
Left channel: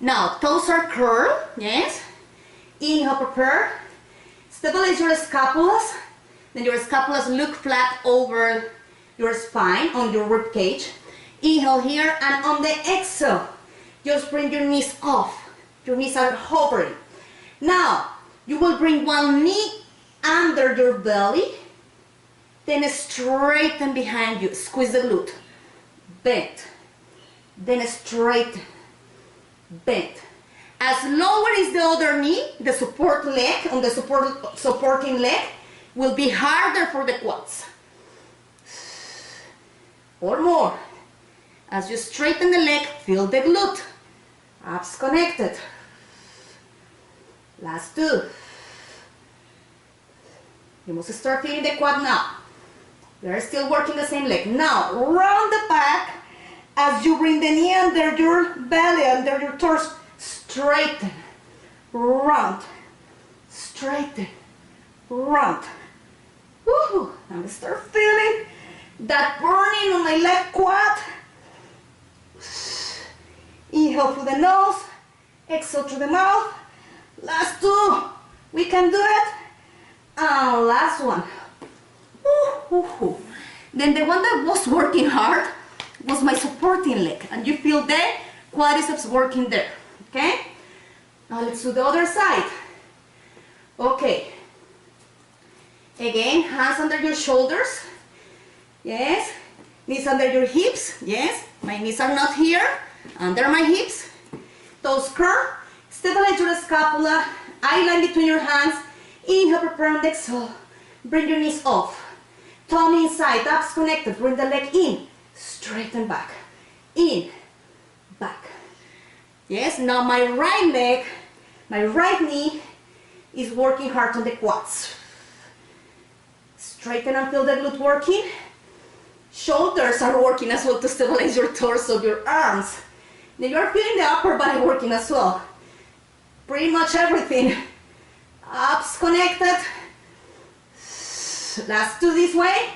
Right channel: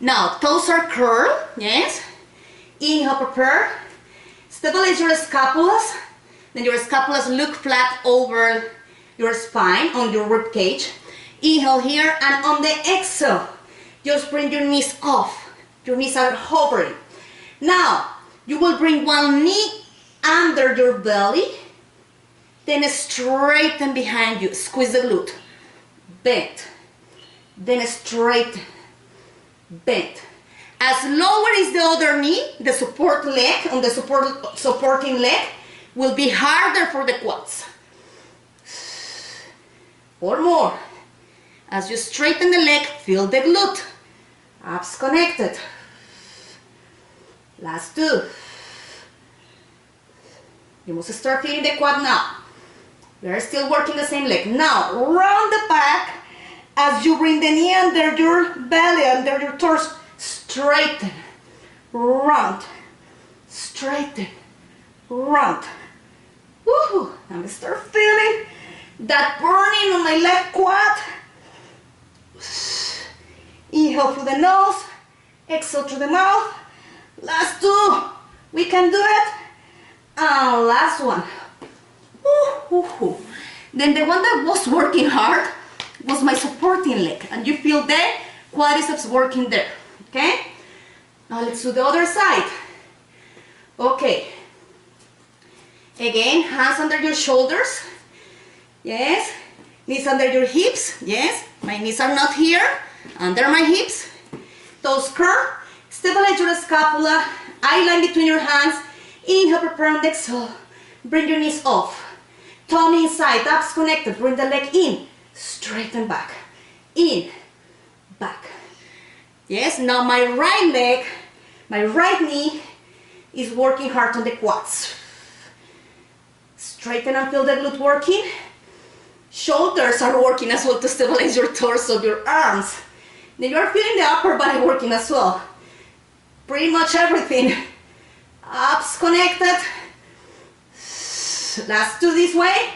Now, toes are curled, yes. Inhale, prepare. Stabilize your scapulas. Then your scapulas look flat over your spine, on your rib cage. Inhale here, and on the exhale, just bring your knees off. Your knees are hovering. Now, you will bring one knee under your belly, then straighten behind you. Squeeze the glute. Bend. Then straighten. Bend. As lower is the other knee, the support leg, on the supporting leg, will be harder for the quads. Or more. As you straighten the leg, feel the glute. Abs connected. Last two. You must start feeling the quad now. We are still working the same leg. Now, round the back as you bring the knee under your belly, under your torso. Straighten, round, straighten, round. Woohoo! And start feeling that burning on my left quad. Inhale through the nose, exhale through the mouth. Last two, we can do it. And last one. Woohoo! Then the one that was working hard was my supporting leg, and you feel the quadriceps working there. Okay? Now let's do the other side. Okay. Again, hands under your shoulders. Yes. Knees under your hips. Yes. My knees are not here. Under my hips. Toes curl. Stabilize your scapula. Eye line between your hands. Inhale, prepare, and exhale. Bring your knees off. Tummy inside. Abs connected. Bring the leg in. Straighten back. In. Back. Yes, now my right leg, my right knee is working hard on the quads. Straighten and feel the glute working. Shoulders are working as well to stabilize your torso, your arms. Then you are feeling the upper body working as well. Pretty much everything. Abs connected. Last two this way.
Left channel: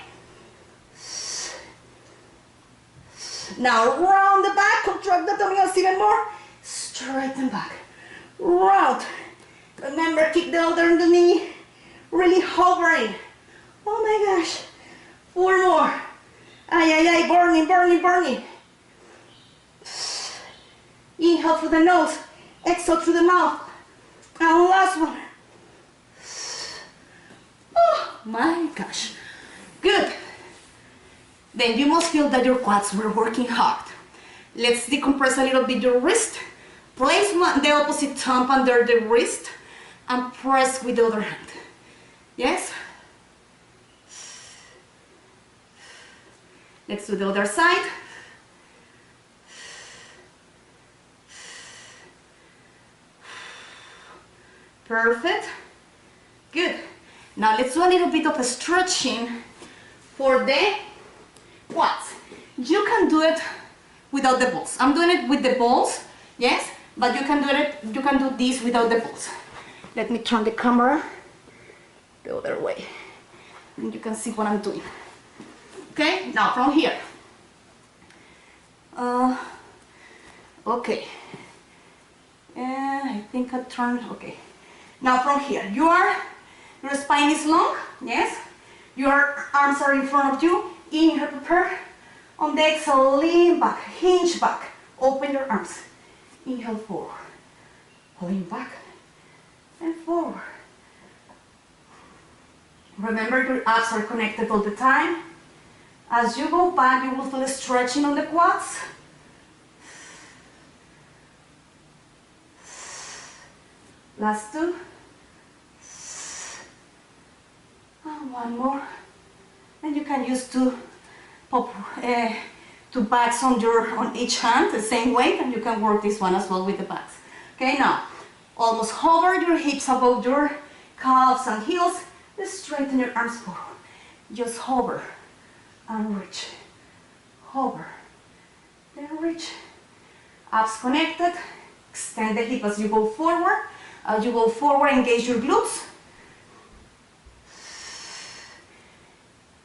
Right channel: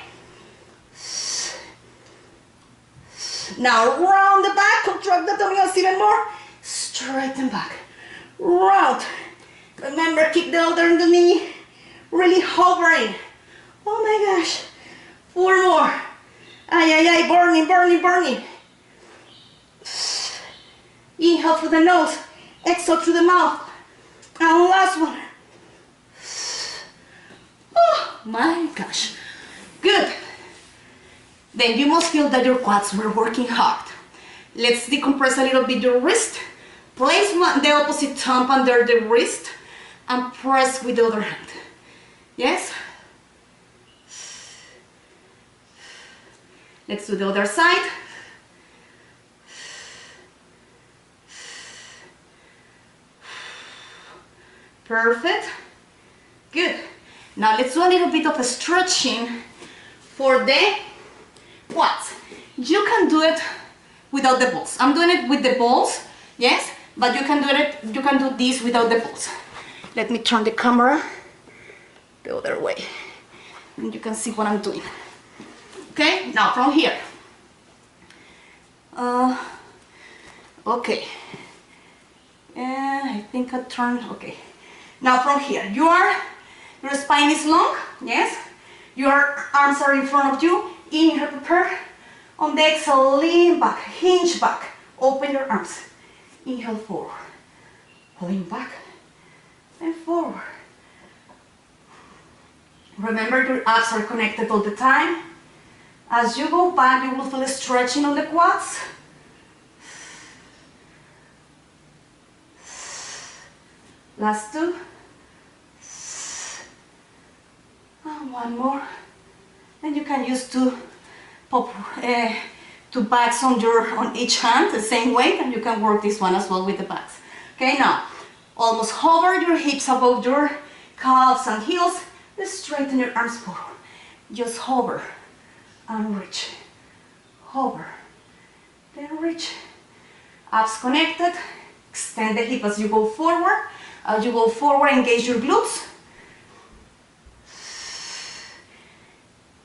Now round the back, contract the abdominals even more. Straighten back, round. Remember, keep the other in the knee, really hovering. Oh my gosh, 4 more. Ay, ay, ay, burning, burning, burning. Inhale through the nose, exhale through the mouth. And last one. Oh my gosh, good. Then you must feel that your quads were working hard. Let's decompress a little bit your wrist. Place the opposite thumb under the wrist and press with the other hand. Yes? Let's do the other side. Perfect. Good. Now let's do a little bit of a stretching for the quads. You can do it without the balls. I'm doing it with the balls, yes, but you can do this without the balls. Let me turn the camera the other way, and you can see what I'm doing. Okay, now from here. Okay. I think I turned, okay. Now from here, your spine is long, yes? Your arms are in front of you. Inhale, prepare. On the exhale, lean back, hinge back. Open your arms. Inhale forward. Lean back and forward. Remember, your abs are connected all the time. As you go back, you will feel stretching on the quads. Last two. And one more. And you can use two bags on each hand, the same weight, and you can work this one as well with the bags. Okay, now, almost hover your hips above your calves and heels. Let's straighten your arms forward. Just hover and reach. Hover, then reach. Abs connected. Extend the hip as you go forward. As you go forward, engage your glutes.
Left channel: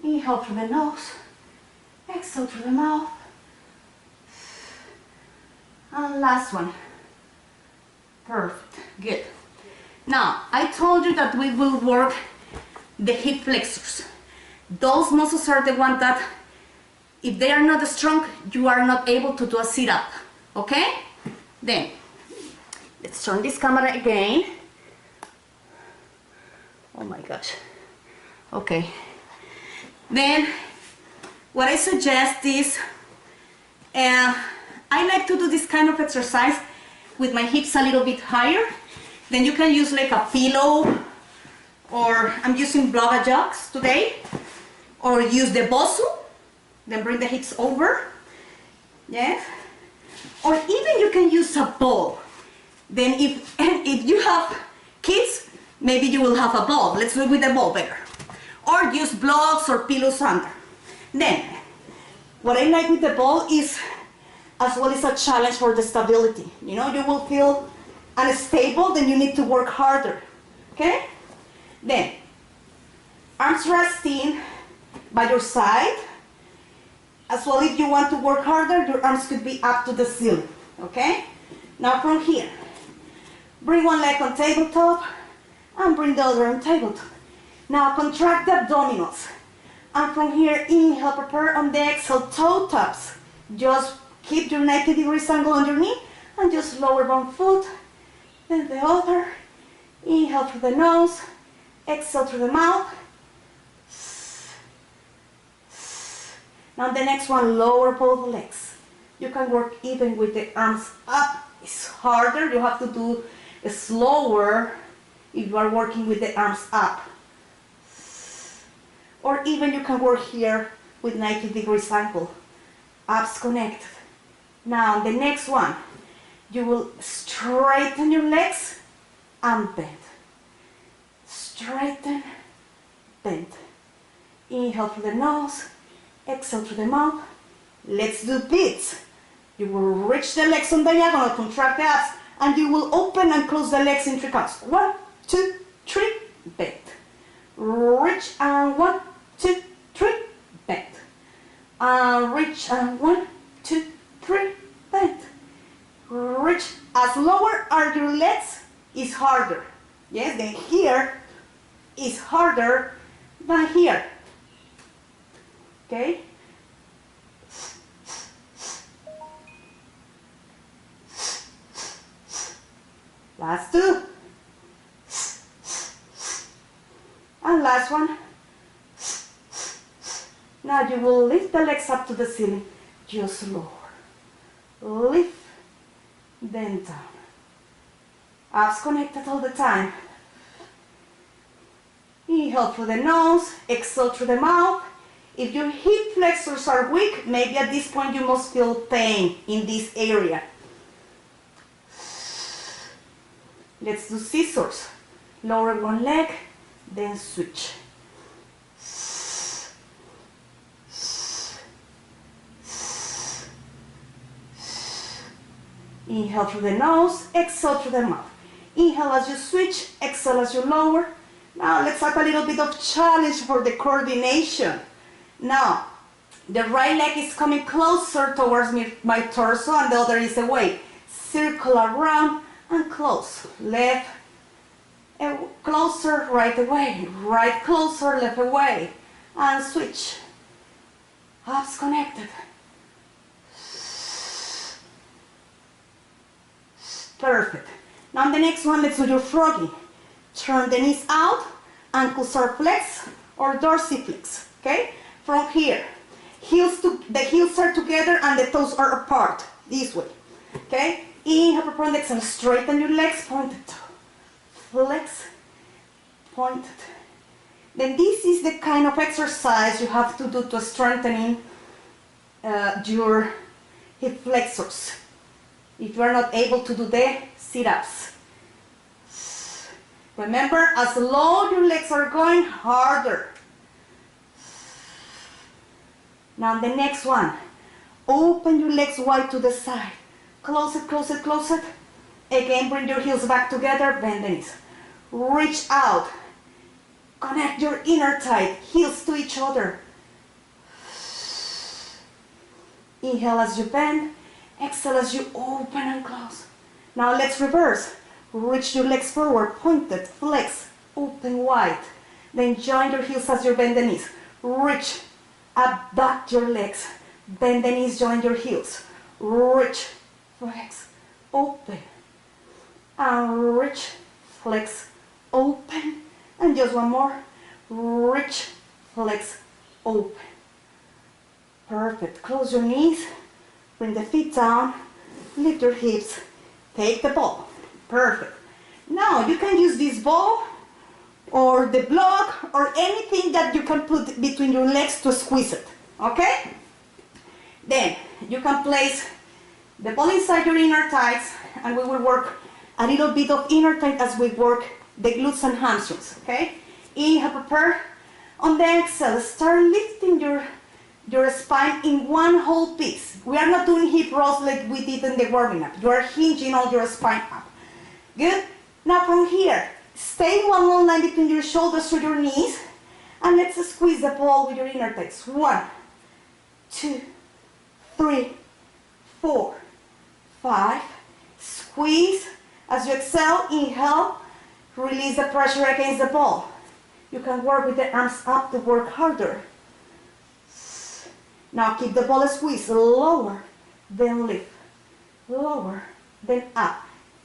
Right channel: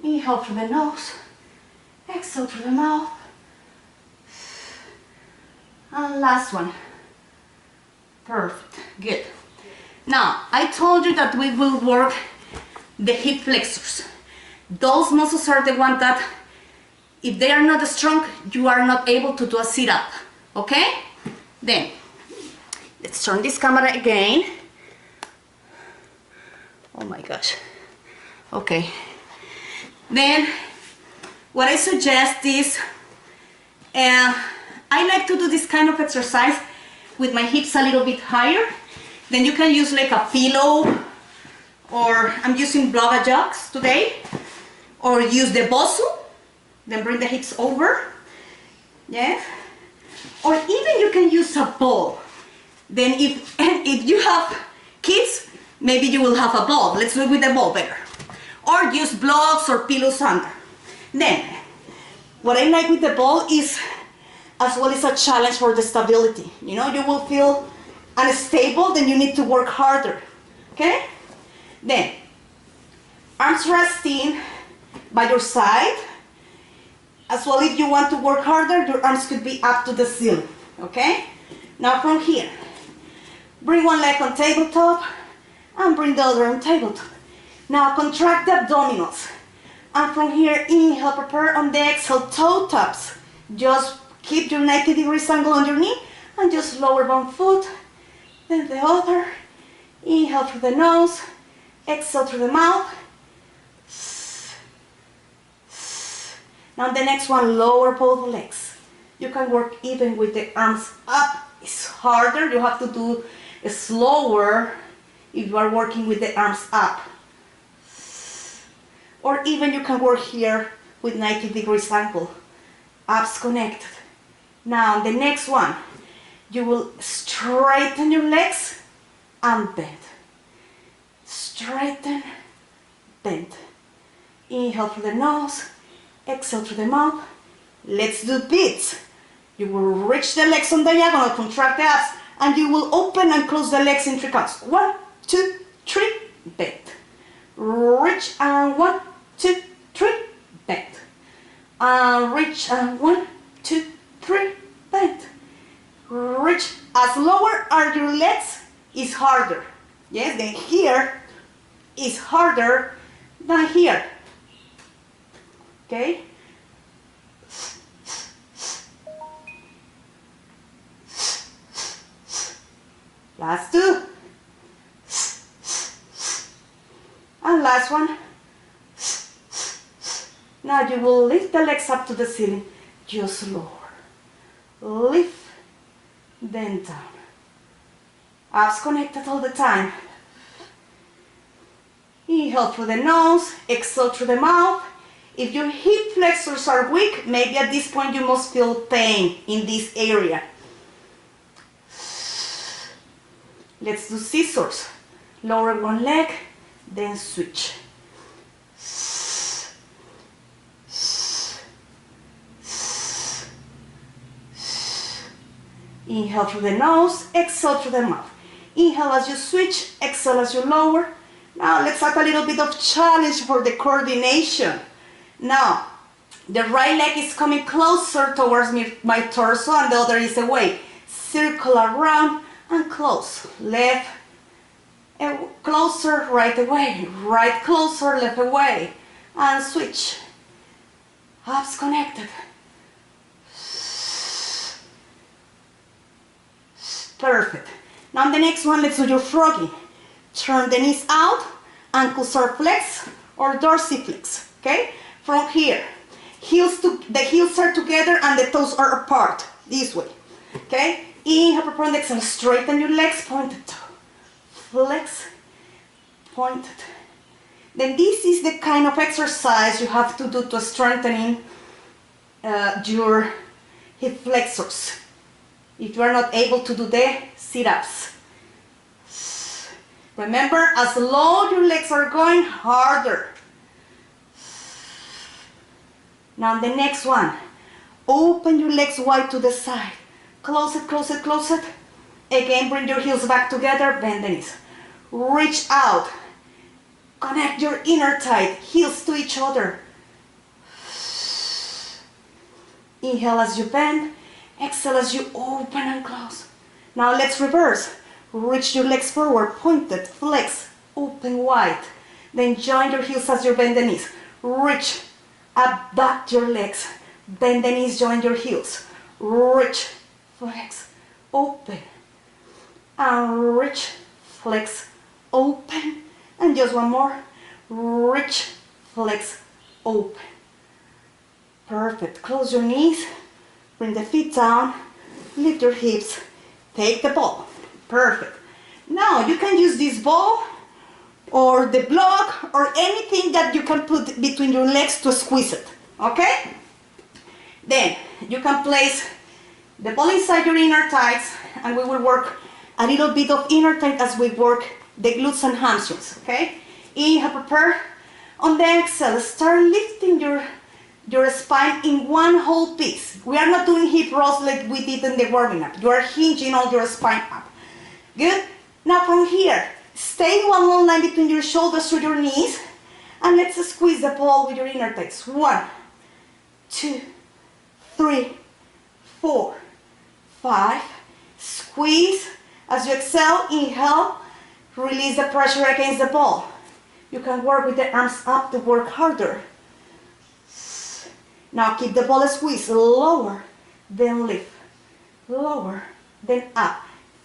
Inhale through the nose. Exhale through the mouth. And last one. Perfect. Good. Now, I told you that we will work the hip flexors. Those muscles are the ones that, if they are not strong, you are not able to do a sit-up. Okay? Then, let's turn this camera again. Oh my gosh. Okay. Then, what I suggest is, I like to do this kind of exercise with my hips a little bit higher. Then you can use like a pillow, or I'm using blubber jocks today, or use the bosu, then bring the hips over, yeah, or even you can use a ball. Then if you have kids, maybe you will have a ball. Let's do it with the ball better, or use blocks or pillows under. Then what I like with the ball is, as well, as a challenge for the stability. You know, you will feel unstable, then you need to work harder. Okay? Then, arms resting by your side. As well, if you want to work harder, your arms could be up to the ceiling. Okay? Now from here, bring one leg on tabletop and bring the other on tabletop. Now contract the abdominals. And from here, inhale, prepare on the exhale, toe taps. Just keep your 90 degrees angle on your knee and just lower one foot, then the other. Inhale through the nose, exhale through the mouth. Now the next one, lower both legs. You can work even with the arms up. It's harder, you have to do it slower if you are working with the arms up. Or even you can work here with 90 degrees angle. Abs connected. Now the next one, you will straighten your legs and bend. Straighten, bend. Inhale through the nose, exhale through the mouth. Let's do beats. You will reach the legs on diagonal, contract the abs, and you will open and close the legs in 3 counts. 1, 2, 3, bend. Reach and 1, 2, 3, bend. Reach and 1, 2, 3, bend. Reach. As lower are your legs, is harder. Yes, then here is harder than here. Okay? Last two. And last one. Now you will lift the legs up to the ceiling. Just lower. Lift, then down. Abs connected all the time. Inhale through the nose, exhale through the mouth. If your hip flexors are weak, maybe at this point you must feel pain in this area. Let's do scissors. Lower one leg, then switch. Inhale through the nose, exhale through the mouth. Inhale as you switch, exhale as you lower. Now let's have a little bit of challenge for the coordination. Now, the right leg is coming closer towards my torso and the other is away. Circle around and close. Left, closer, right away. Right closer, left away. And switch. Abs connected. Perfect. Now the next one, let's do your froggy. Turn the knees out, ankles are flexed or dorsiflex, okay? From here, the heels are together and the toes are apart, this way, okay? Inhale, prepare and exhale, straighten your legs, pointed toe, flex, pointed. Then this is the kind of exercise you have to do to strengthening your hip flexors. If you are not able to do the sit-ups. Remember, as low your legs are going, harder. Now the next one. Open your legs wide to the side. Close it, close it, close it. Again, bring your heels back together, bend the knees. Reach out. Connect your inner thigh, heels to each other. Inhale as you bend. Exhale as you open and close. Now let's reverse. Reach your legs forward, pointed, flex, open wide. Then join your heels as you bend the knees. Reach, abduct your legs. Bend the knees, join your heels. Reach, flex, open. And reach, flex, open. And just one more. Reach, flex, open. Perfect. Close your knees. Bring the feet down. Lift your hips. Take the ball. Perfect. Now you can use this ball or the block or anything that you can put between your legs to squeeze it. Okay? Then you can place the ball inside your inner thighs and we will work a little bit of inner thigh as we work the glutes and hamstrings. Okay? Inhale, prepare. On the exhale, start lifting your spine in one whole piece. We are not doing hip rolls like we did in the warming up. You are hinging all your spine up. Good? Now from here, stay one long line between your shoulders to your knees and let's squeeze the ball with your inner thighs. 1, 2, 3, 4, 5. Squeeze. As you exhale, inhale, release the pressure against the ball. You can work with the arms up to work harder. Now keep the ball squeezed, lower, then lift, lower, then up.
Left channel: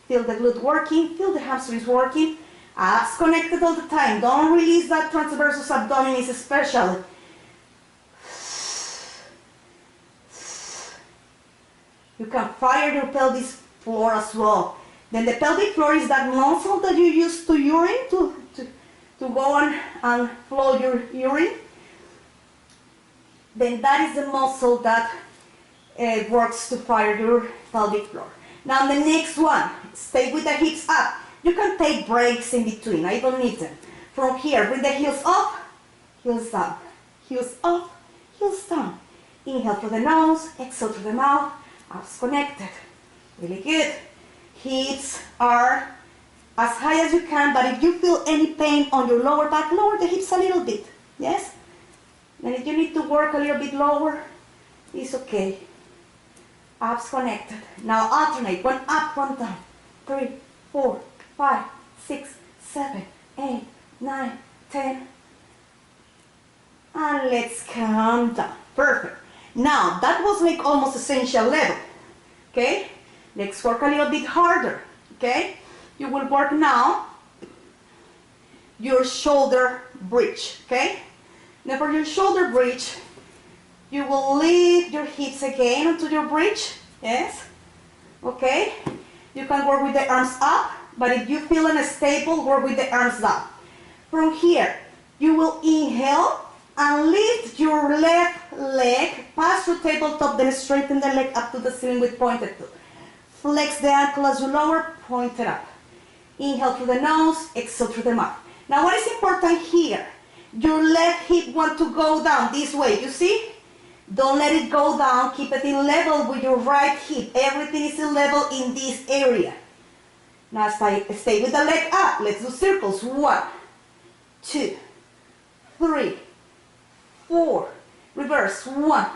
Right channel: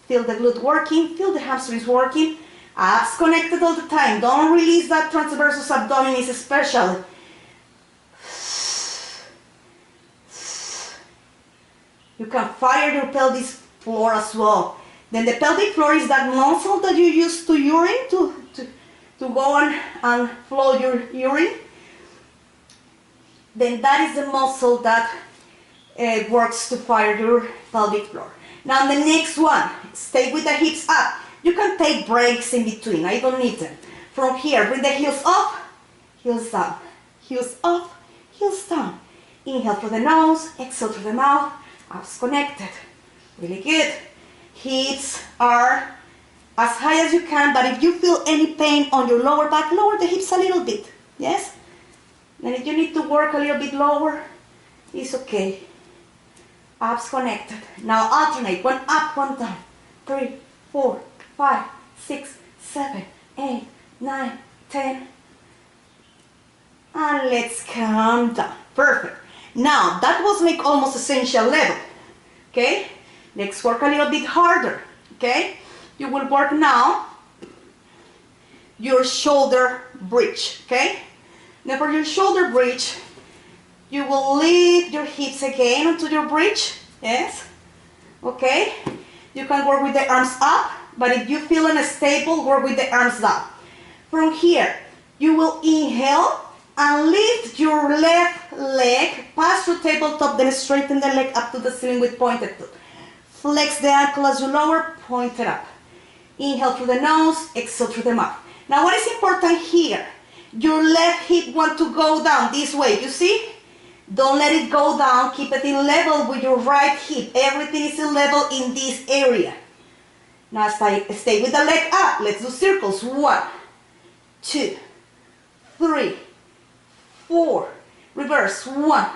Feel the glute working, feel the hamstrings working. Abs connected all the time. Don't release that transversus abdominis especially. You can fire your pelvic floor as well. Then the pelvic floor is that muscle that you use to urine, to go on and flow your urine. Then that is the muscle that works to fire your pelvic floor. Now the next one, stay with the hips up. You can take breaks in between, I don't need them. From here, bring the heels up, heels down, heels up, heels down. Inhale through the nose, exhale through the mouth, abs connected. Really good. Hips are as high as you can, but if you feel any pain on your lower back, lower the hips a little bit, yes? And if you need to work a little bit lower, it's okay. Abs connected. Now alternate, one up, one down. 3, 4, 5, 6, 7, 8, 9, 10. And let's calm down. Perfect. Now that was like almost essential level. Okay? Let's work a little bit harder. Okay? You will work now your shoulder bridge. Okay? Now for your shoulder bridge, you will lift your hips again onto your bridge. Yes? Okay? You can work with the arms up, but if you feel unstable, work with the arms down. From here, you will inhale and lift your left leg past your tabletop, then straighten the leg up to the ceiling with pointed toe. Flex the ankle as you lower, point it up. Inhale through the nose, exhale through the mouth. Now what is important here? Your left hip wants to go down this way, you see? Don't let it go down, keep it in level with your right hip. Everything is in level in this area. Now stay with the leg up. Let's do circles. 1, 2, 3, 4. Reverse. 1,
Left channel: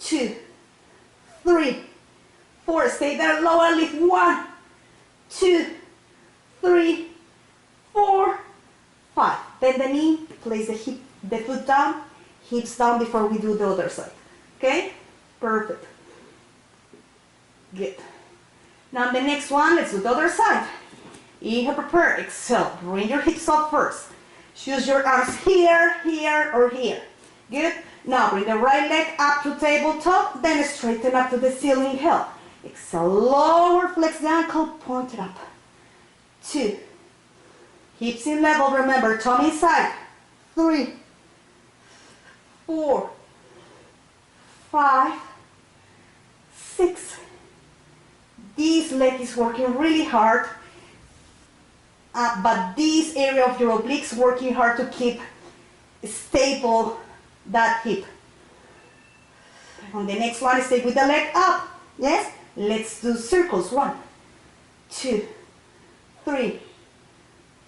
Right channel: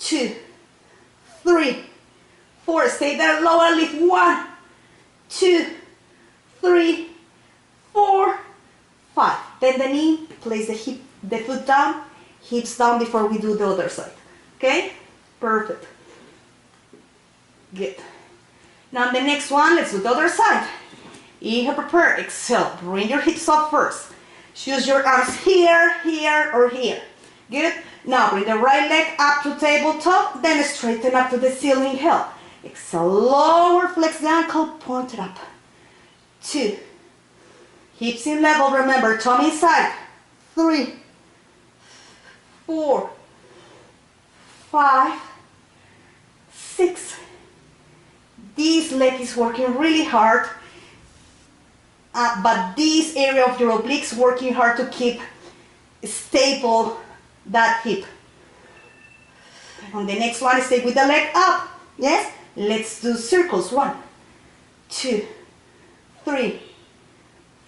2, 3, 4. Stay there, lower, lift. 1, 2, 3, 4, 5. Bend the knee, place the foot down, hips down before we do the other side. Okay? Perfect. Good. Now the next one, let's do the other side. Inhale, prepare, exhale. Bring your hips up first. Choose your arms here, here, or here. Good. Now bring the right leg up to tabletop, then straighten up to the ceiling. Inhale. Exhale, lower, flex the ankle, point it up. 2. Hips in level, remember, tummy inside. 3, 4, 5, 6. This leg is working really hard, but this area of your obliques working hard to keep stable that hip. On the next one, stay with the leg up. Yes? Let's do circles. 1, 2, 3,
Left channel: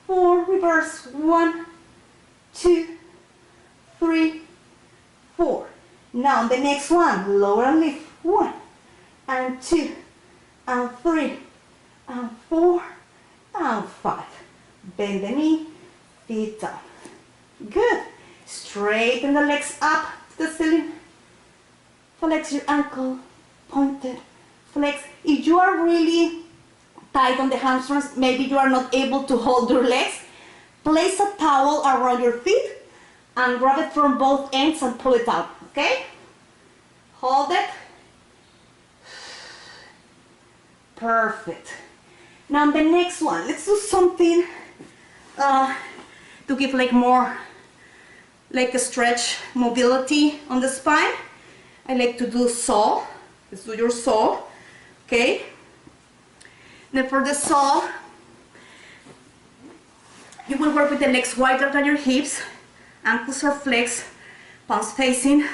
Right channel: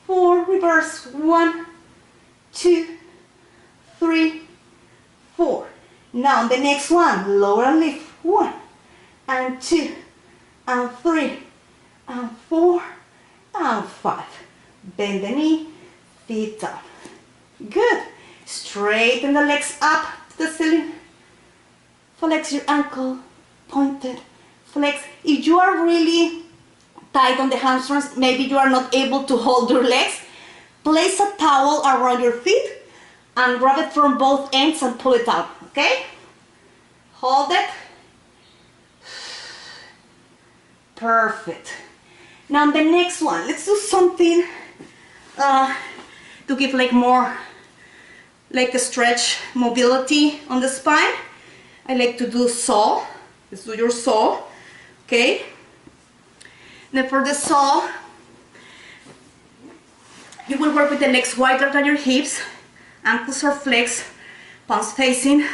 4. Reverse. 1, 2, 3, 4. Now the next one, lower and lift. 1 and 2 and 3 and 4 and 5. Bend the knee, feet down. Good. Straighten the legs up to the ceiling. Flex your ankle, pointed, flex. If you are really tight on the hamstrings, maybe you are not able to hold your legs, place a towel around your feet and grab it from both ends and pull it out, okay? Hold it. Perfect. Now the next one, let's do something to give like more, like a stretch mobility on the spine. I like to do saw. Let's do your saw, okay? Then for the saw, you will work with the legs wider than your hips, ankles are flexed, palms facing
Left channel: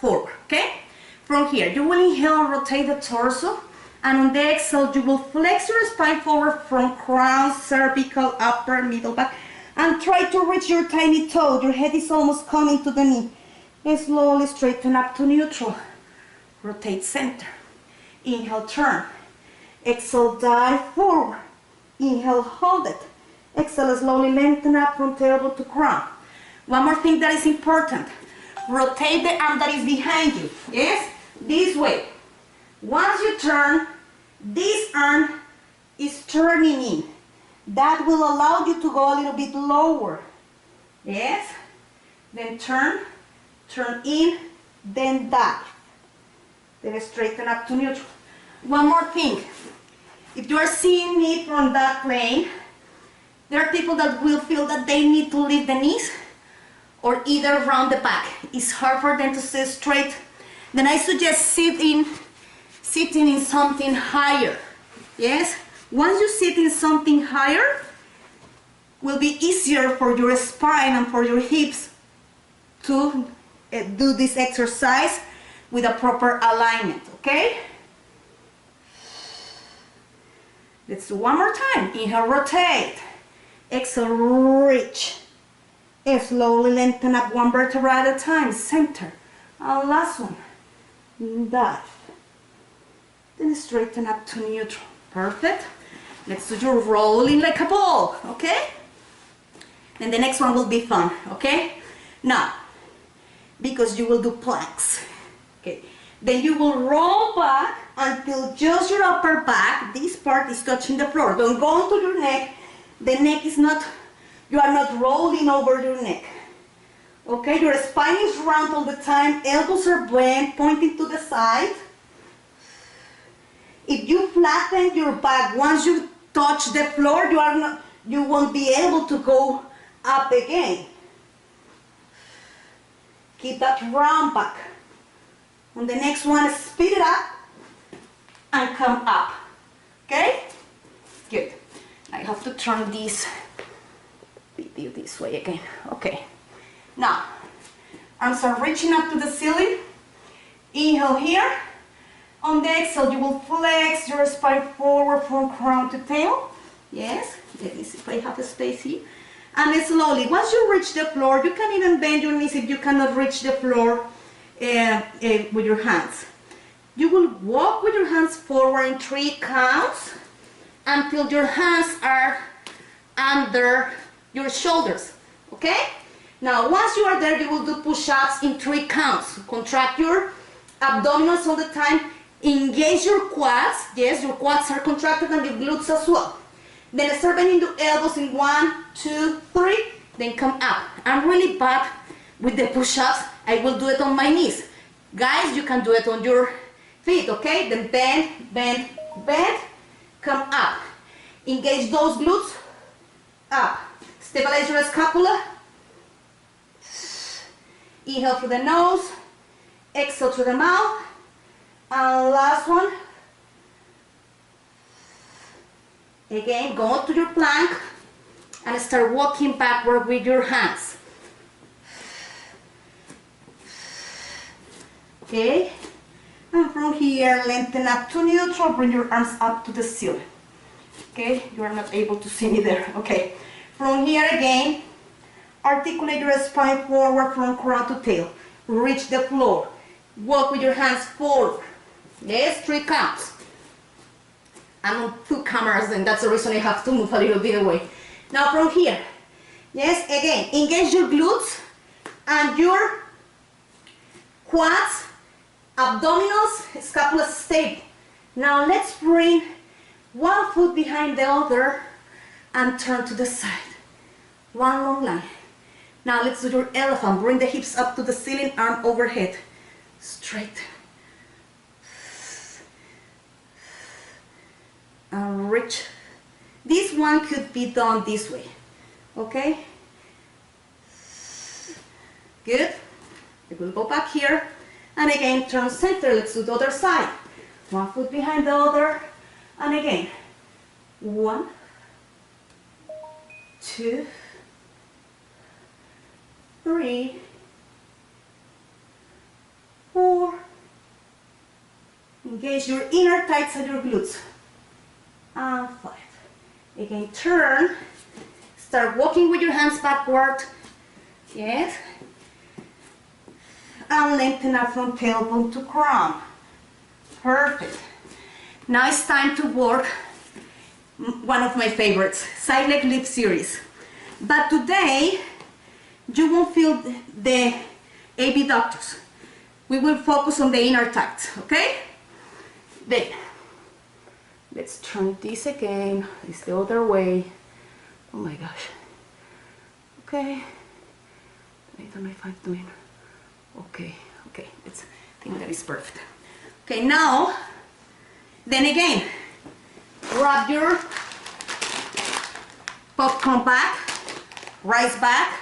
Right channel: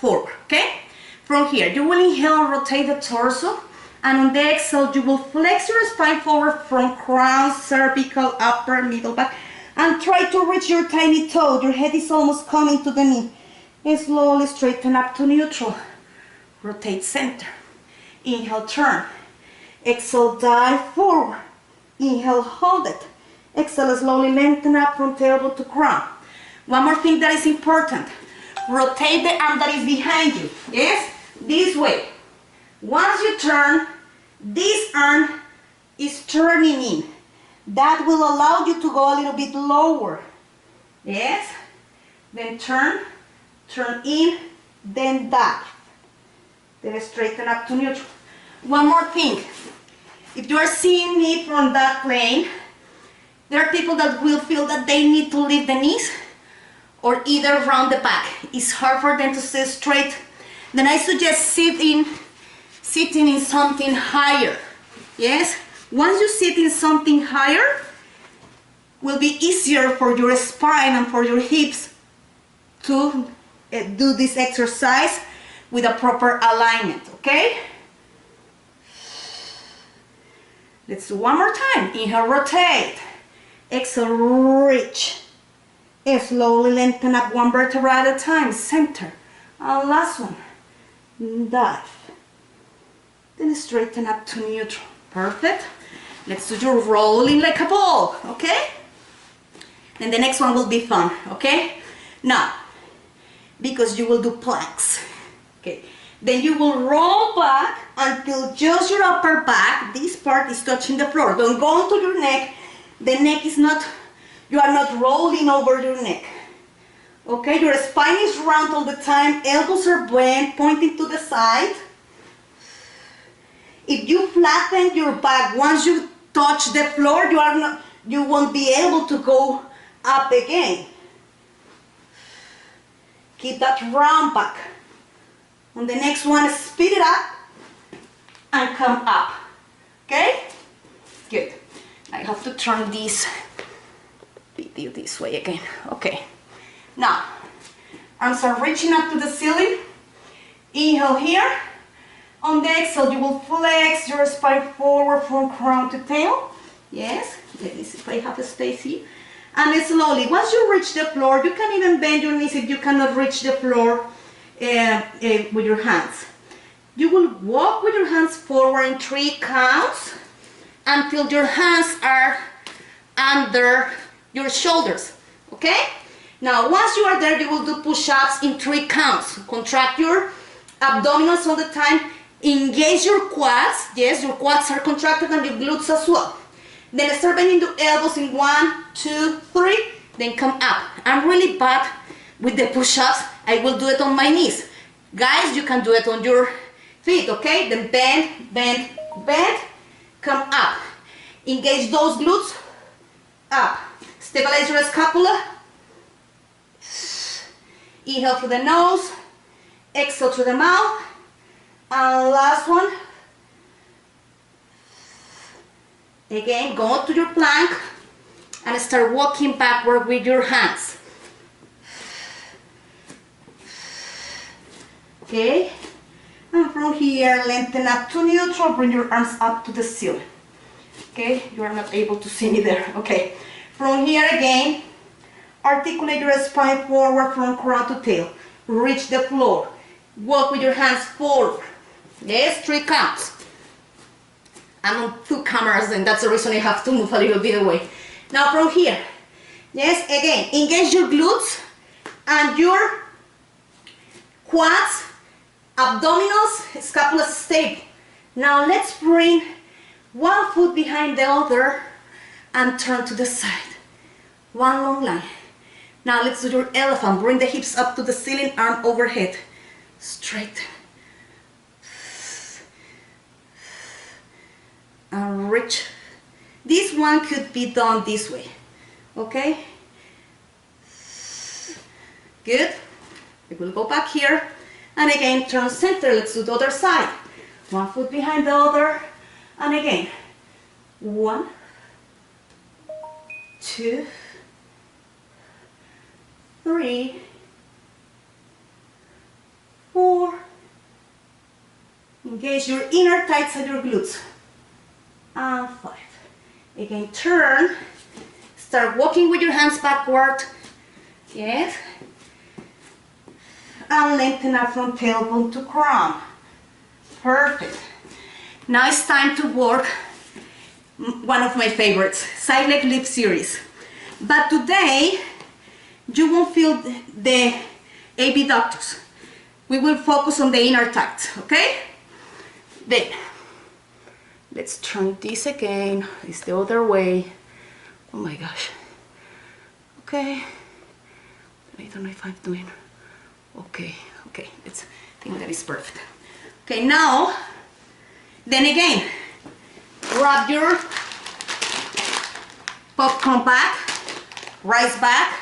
forward, okay? From here, you will inhale and rotate the torso, and on the exhale, you will flex your spine forward from crown, cervical, upper, middle, back, and try to reach your tiny toe. Your head is almost coming to the knee. And slowly straighten up to neutral. Rotate center. Inhale, turn. Exhale, dive forward. Inhale, hold it. Exhale, slowly lengthen up from tailbone to crown. One more thing that is important. Rotate the arm that is behind you. Yes? This way. Once you turn, this arm is turning in. That will allow you to go a little bit lower. Yes? Then turn, turn in, then dive. Then straighten up to neutral. One more thing. If you are seeing me from that plane, there are people that will feel that they need to lift the knees or either round the back. It's hard for them to stay straight. Then I suggest sitting in something higher. Yes? Once you sit in something higher, will be easier for your spine and for your hips to do this exercise with a proper alignment, okay? Let's do one more time. Inhale, rotate. Exhale, reach. Slowly lengthen up one vertebra at a time. Center. And last one. Dive. Then straighten up to neutral. Perfect. Let's do your rolling like a ball, okay? And the next one will be fun, okay? Now, because you will do planks, okay? Then you will roll back until just your upper back, this part is touching the floor. Don't go onto your neck. The neck is not, you are not rolling over your neck. Okay, your spine is round all the time, elbows are bent, pointing to the side. If you flatten your back, once you touch the floor, you won't be able to go up again. Keep that round back. On the next one, speed it up and come up. Okay? Good. I have to turn this video this way again. Okay. Now, arms are reaching up to the ceiling. Inhale here. On the exhale, you will flex your spine forward from crown to tail. Yes. Let me see if I have a space here. And slowly, once you reach the floor, you can even bend your knees if you cannot reach the floor with your hands. You will walk with your hands forward in 3 counts until your hands are under your shoulders, okay? Now, once you are there, you will do push-ups in 3 counts. Contract your abdominals all the time Engage your quads. Yes, your quads are contracted and your glutes as well. Then start bending the elbows in 1, 2, 3. Then come up. I'm really bad with the push-ups. I will do it on my knees. Guys, you can do it on your feet, okay? Then bend, bend, bend. Come up. Engage those glutes. Up. Stabilize your scapula. Inhale through the nose. Exhale through the mouth. And last one. Again, go to your plank and start walking backward with your hands. Okay? And from here, lengthen up to neutral, bring your arms up to the ceiling. Okay? You are not able to see me there. Okay. From here again, articulate your spine forward from crown to tail. Reach the floor. Walk with your hands forward. Yes, 3 counts. I'm on 2 cameras and that's the reason I have to move a little bit away. Now from here, yes, again, engage your glutes and your quads, abdominals, scapula stable. Now let's bring one foot behind the other and turn to the side. One long line. Now let's do your elephant. Bring the hips up to the ceiling, arm overhead. Straight. And reach. This one could be done this way. Okay? Good. We will go back here. And again, turn center. Let's do the other side. One foot behind the other. And again. 1, 2, 3, 4. Engage your inner thighs and your glutes. And 5. Again, turn. Start walking with your hands backward. Yes. And lengthen up from tailbone to crown. Perfect. Now it's time to work one of my favorites, side leg lift series. But today, you won't feel the abductors. We will focus on the inner thighs, okay? Then, let's turn this again. It's the other way. Oh my gosh. Okay. I don't know if I'm doing. Okay. I think that is perfect. Okay, now, then again, grab your popcorn back, rise back,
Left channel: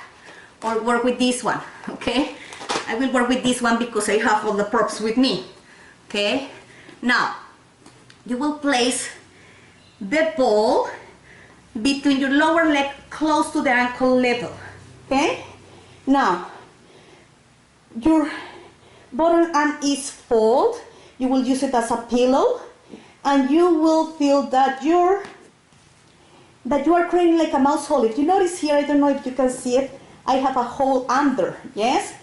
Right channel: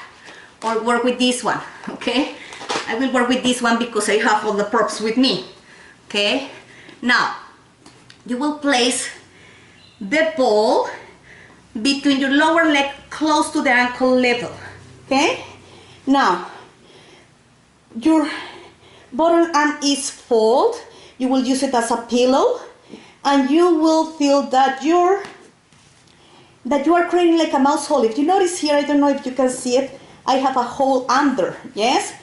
or work with this one, okay? I will work with this one because I have all the props with me, okay? Now, you will place the ball between your lower leg close to the ankle level, okay? Now, your bottom arm is folded. You will use it as a pillow, and you will feel that you are creating like a mouse hole. If you notice here, I don't know if you can see it, I have a hole under, yes?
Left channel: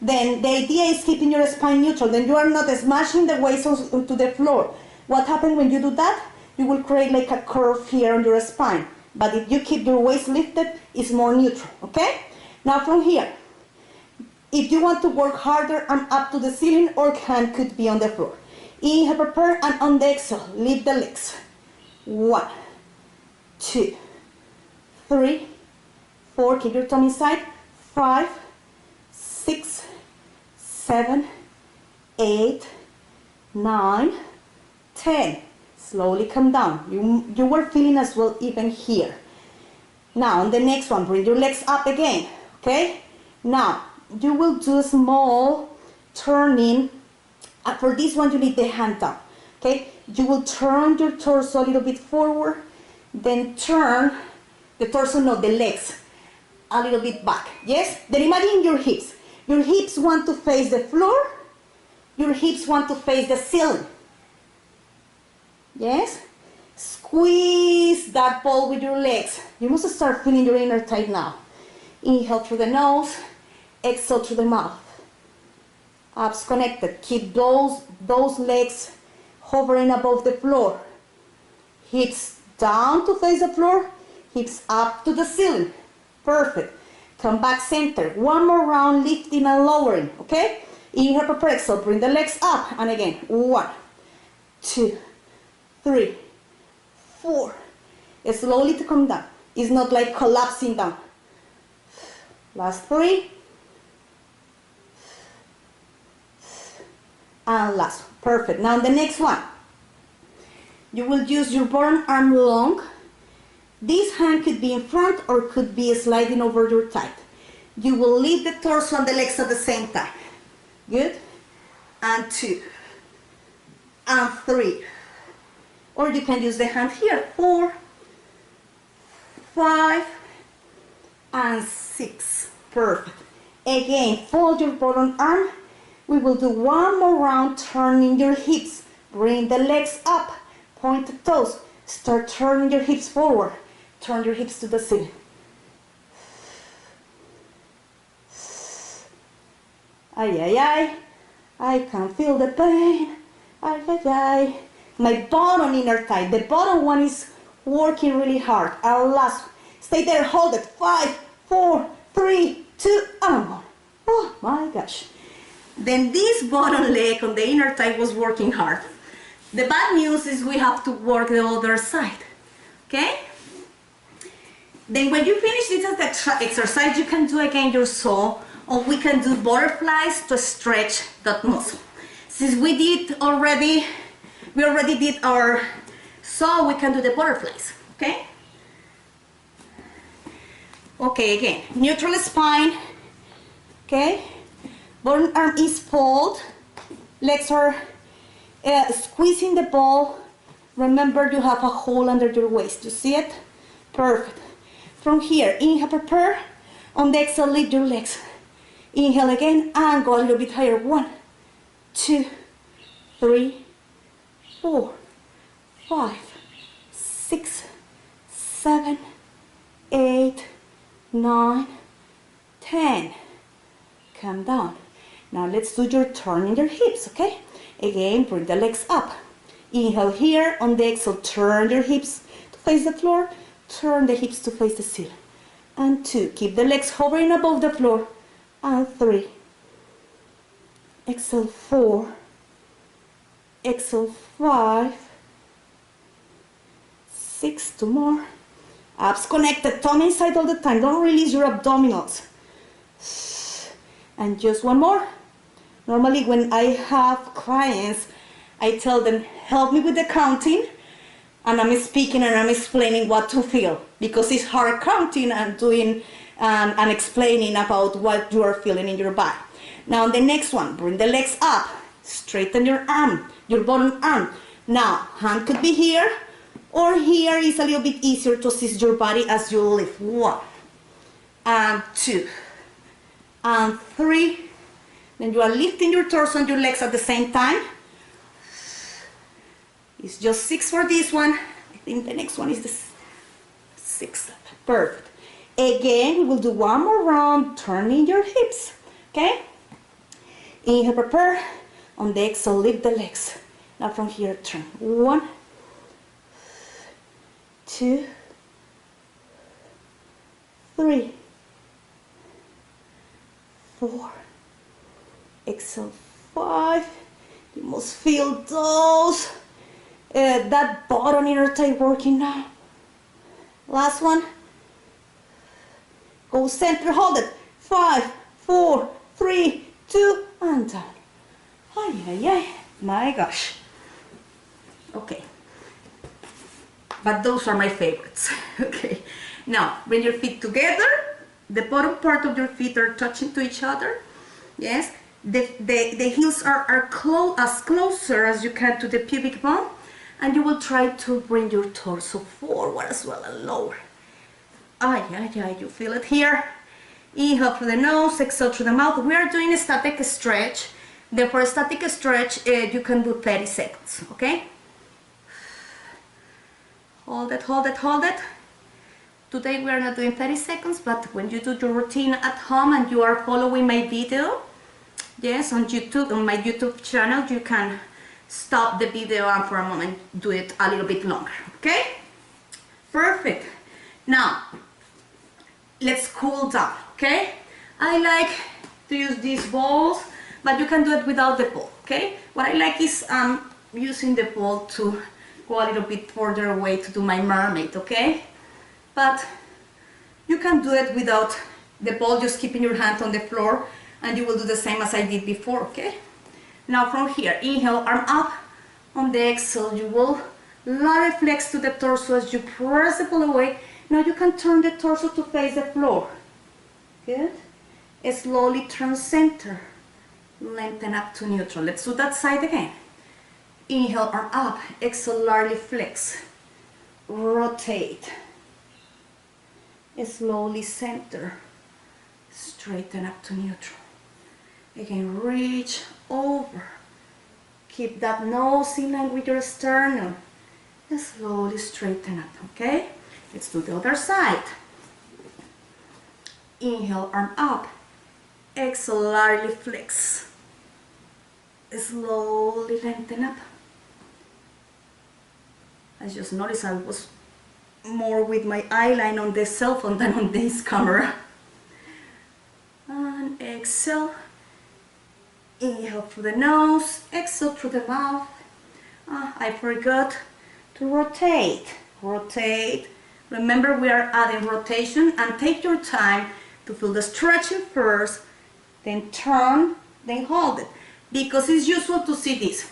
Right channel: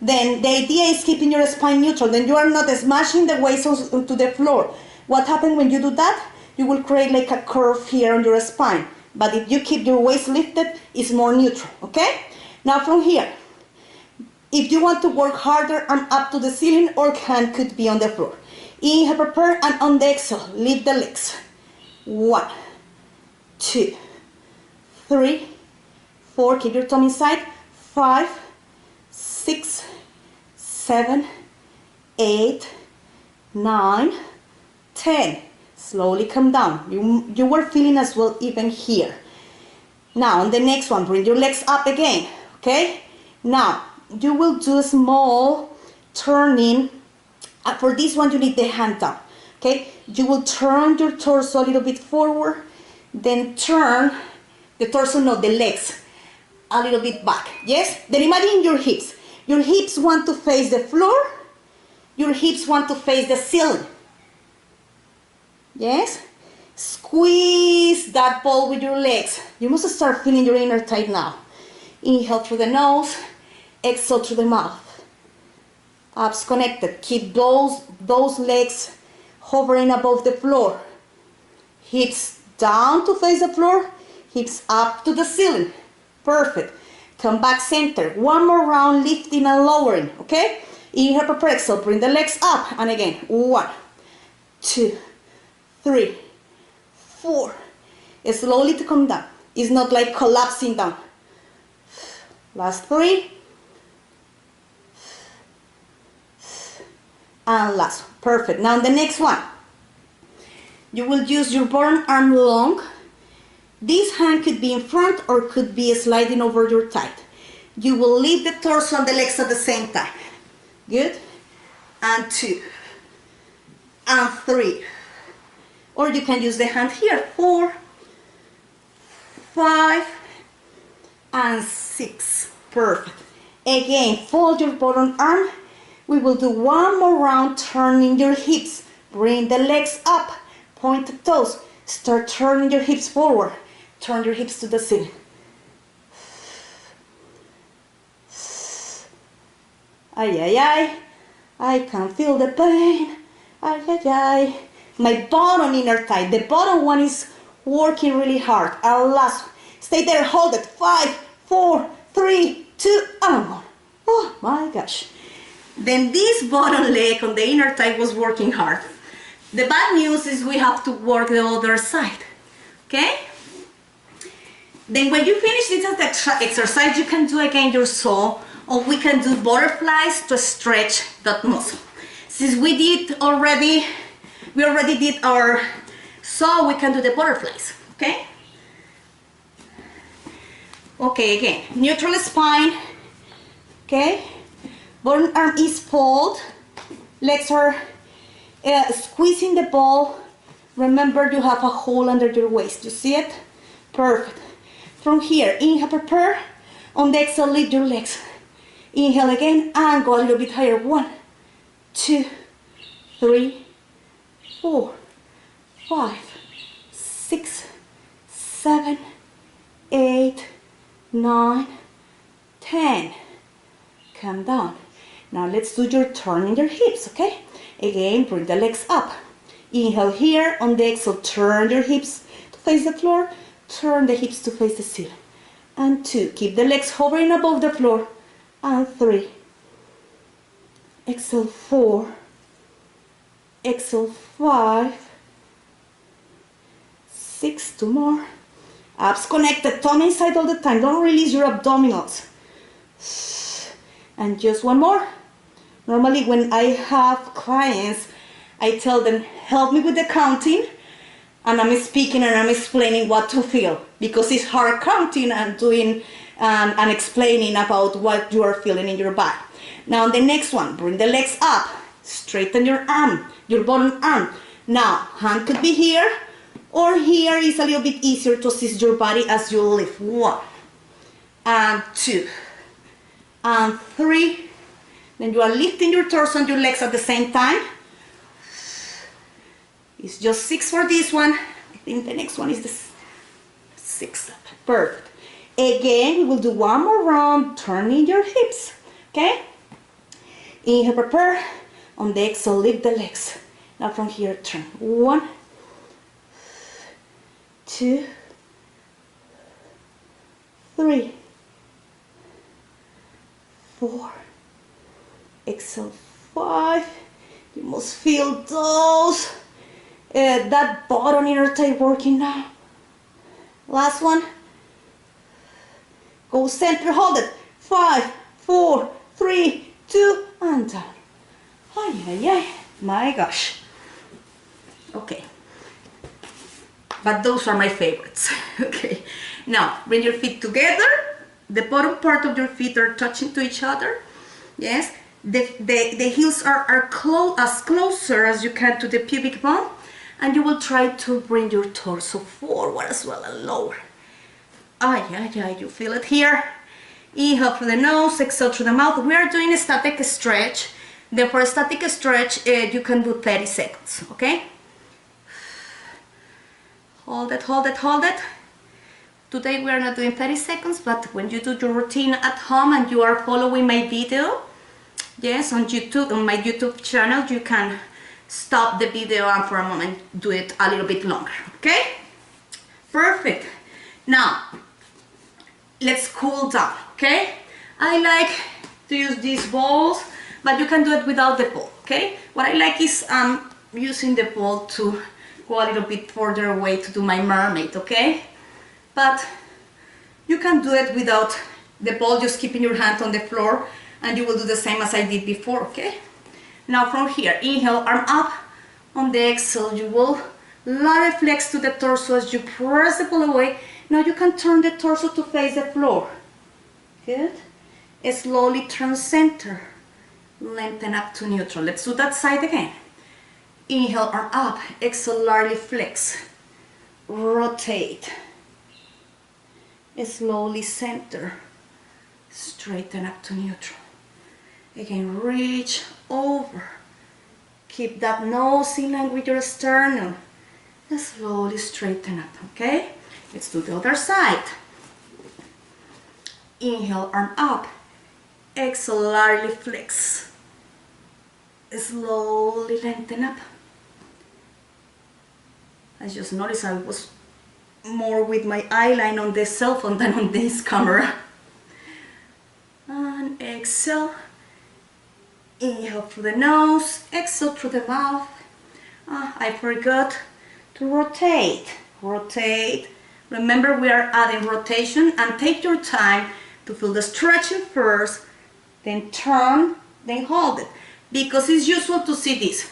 Then the idea is keeping your spine neutral. Then you are not smashing the waist onto the floor. What happens when you do that? You will create like a curve here on your spine. But if you keep your waist lifted, it's more neutral, okay? Now from here, if you want to work harder, arm up to the ceiling or hand could be on the floor. Inhale, prepare, and on the exhale, lift the legs. 1, 2, 3, 4, keep your tongue inside. 5, 6, 7, 8, 9, 10. Slowly come down. You were feeling as well even here. Now on the next one, bring your legs up again, okay? Now, you will do a small turning. For this one, you need the hand down, okay? You will turn your torso a little bit forward, then turn the torso, no, the legs, a little bit back, yes? Then imagine your hips. Your hips want to face the floor. Your hips want to face the ceiling. Yes? Squeeze that ball with your legs. You must start feeling your inner thigh now. Inhale through the nose, exhale through the mouth. Abs connected. Keep those legs hovering above the floor. Hips down to face the floor, hips up to the ceiling. Perfect. Come back center. One more round, lifting and lowering, okay? Inhale, prepare, exhale. Bring the legs up. And again, 1, 2, 3, 4. Slowly to come down. It's not like collapsing down. Last 3. And last one. Perfect. Now the next one. You will use your bottom arm long. This hand could be in front or could be sliding over your thigh. You will lift the torso and the legs at the same time. Good. And 2. And 3. Or you can use the hand here. 4, 5, and 6. Perfect. Again, fold your bottom arm. We will do one more round, turning your hips. Bring the legs up, point the toes. Start turning your hips forward. Turn your hips to the ceiling. Ay, ay, ay. I can feel the pain. Ay, ay, ay. My bottom inner thigh. The bottom one is working really hard. Our last one. Stay there, hold it. 5, 4, 3, 2, and 1. Oh my gosh. Then this bottom leg on the inner thigh was working hard. The bad news is we have to work the other side. Okay? Then when you finish this exercise, you can do again your saw, or we can do butterflies to stretch that muscle. Since we already did our saw, we can do the butterflies. Okay? Okay, again, neutral spine. Okay? Bottom arm is folded. Legs are squeezing the ball. Remember, you have a hole under your waist. You see it? Perfect. From here, inhale, prepare. On the exhale, lift your legs. Inhale again and go a little bit higher. 1, 2, 3, 4, 5, 6, 7, 8, 9, 10. Come down. Now let's do your turn in your hips, okay? Again, bring the legs up. Inhale here. On the exhale, turn your hips to face the floor. Turn the hips to face the ceiling. And 2. Keep the legs hovering above the floor. And 3. Exhale 4. Exhale 5. 6. 2 more. Abs connected. Tummy inside all the time. Don't release your abdominals. And just one more. Normally when I have clients, I tell them, help me with the counting, and I'm speaking and I'm explaining what to feel, because it's hard counting and doing and explaining about what you are feeling in your body. Now the next one, bring the legs up, straighten your arm, your bottom arm. Now, hand could be here, or here is a little bit easier to assist your body as you lift. 1, and 2, and 3. Then you are lifting your torso and your legs at the same time. It's just 6 for this one. I think the next one is the 6. Perfect. Again, we will do one more round, turning your hips. Okay? Inhale, prepare. On the exhale, lift the legs. Now from here, turn. 1, 2, 3, 4. Exhale 5. You must feel those that bottom inner thigh working now. Last one. Go center, hold it. 5, 4, 3, 2, and down. Ay, ay, ay. My gosh. Okay. But those are my favorites. Okay. Now, bring your feet together. The bottom part of your feet are touching to each other. Yes. The heels are as closer as you can to the pubic bone, and you will try to bring your torso forward as well and lower. Ay, ay, ay, you feel it here. Inhale through the nose, exhale through the mouth. We are doing a static stretch. Then for a static stretch, you can do 30 seconds, okay? Hold it, hold it, hold it. Today we are not doing 30 seconds, but when you do your routine at home and you are following my video, yes, on YouTube, on my YouTube channel, you can stop the video and for a moment do it a little bit longer, okay? Perfect. Now, let's cool down, okay? I like to use these balls, but you can do it without the ball, okay? What I like is using the ball to go a little bit further away to do my mermaid, okay? But you can do it without the ball, just keeping your hand on the floor, and you will do the same as I did before, okay? Now from here, inhale, arm up. On the exhale, you will lightly flex to the torso as you press the ball away. Now you can turn the torso to face the floor. Good. Slowly turn center. Lengthen up to neutral. Let's do that side again. Inhale, arm up. Exhale, lightly flex. Rotate. Slowly center. Straighten up to neutral. Again, reach over. Keep that nose in line with your sternum. Slowly straighten up, okay? Let's do the other side. Inhale, arm up. Exhale, lightly flex. Slowly lengthen up. I just noticed I was more with my eyeline on the cell phone than on this camera. And exhale. Inhale through the nose, exhale through the mouth. I forgot to rotate. Rotate. Remember, we are adding rotation, and take your time to feel the stretching first, then turn, then hold it. Because it's usual to see this.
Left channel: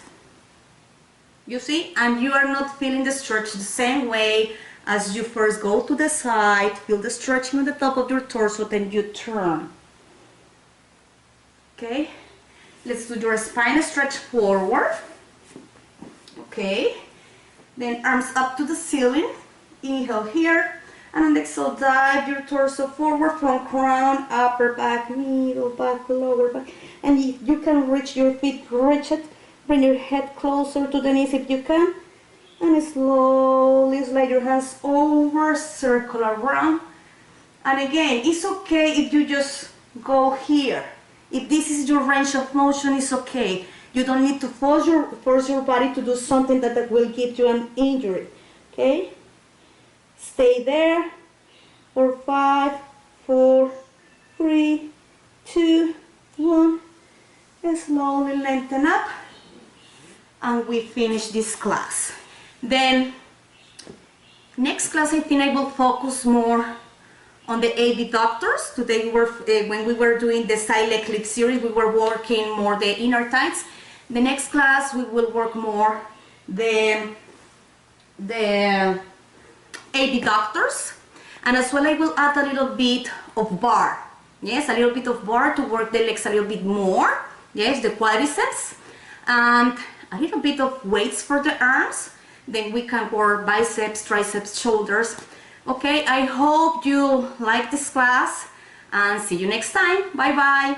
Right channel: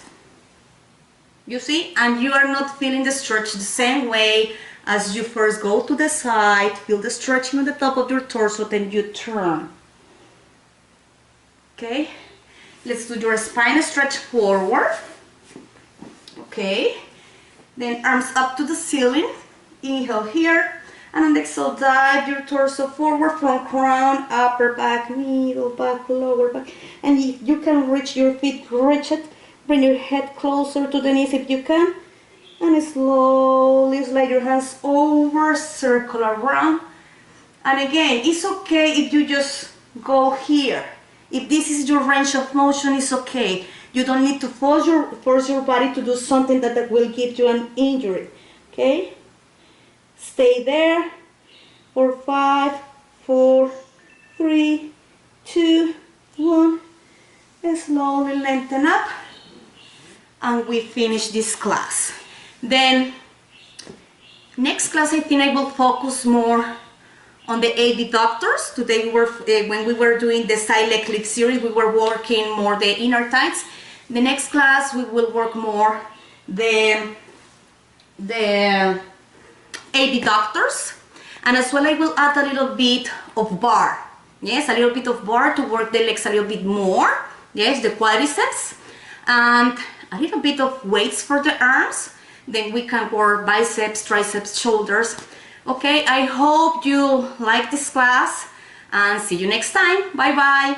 You see? And you are not feeling the stretch the same way as you first go to the side, feel the stretching on the top of your torso, then you turn. Okay? Let's do your spine stretch forward. Okay. Then arms up to the ceiling. Inhale here. And on the exhale, dive your torso forward from crown, upper back, middle back, lower back. And if you can reach your feet, reach it. Bring your head closer to the knees if you can. And slowly slide your hands over, circle around. And again, it's okay if you just go here. If this is your range of motion, it's okay. You don't need to force your body to do something that will give you an injury. Okay? Stay there for 5, 4, 3, 2, 1. And slowly lengthen up. And we finish this class. Then, next class I think I will focus more on the adductors. Today we were, when we were doing the side leg lift series, we were working more the inner thighs. The next class we will work more the adductors, and as well I will add a little bit of bar. Yes, a little bit of bar to work the legs a little bit more. Yes, the quadriceps, and a little bit of weights for the arms. Then we can work biceps, triceps, shoulders. Okay, I hope you like this class, and see you next time. Bye bye.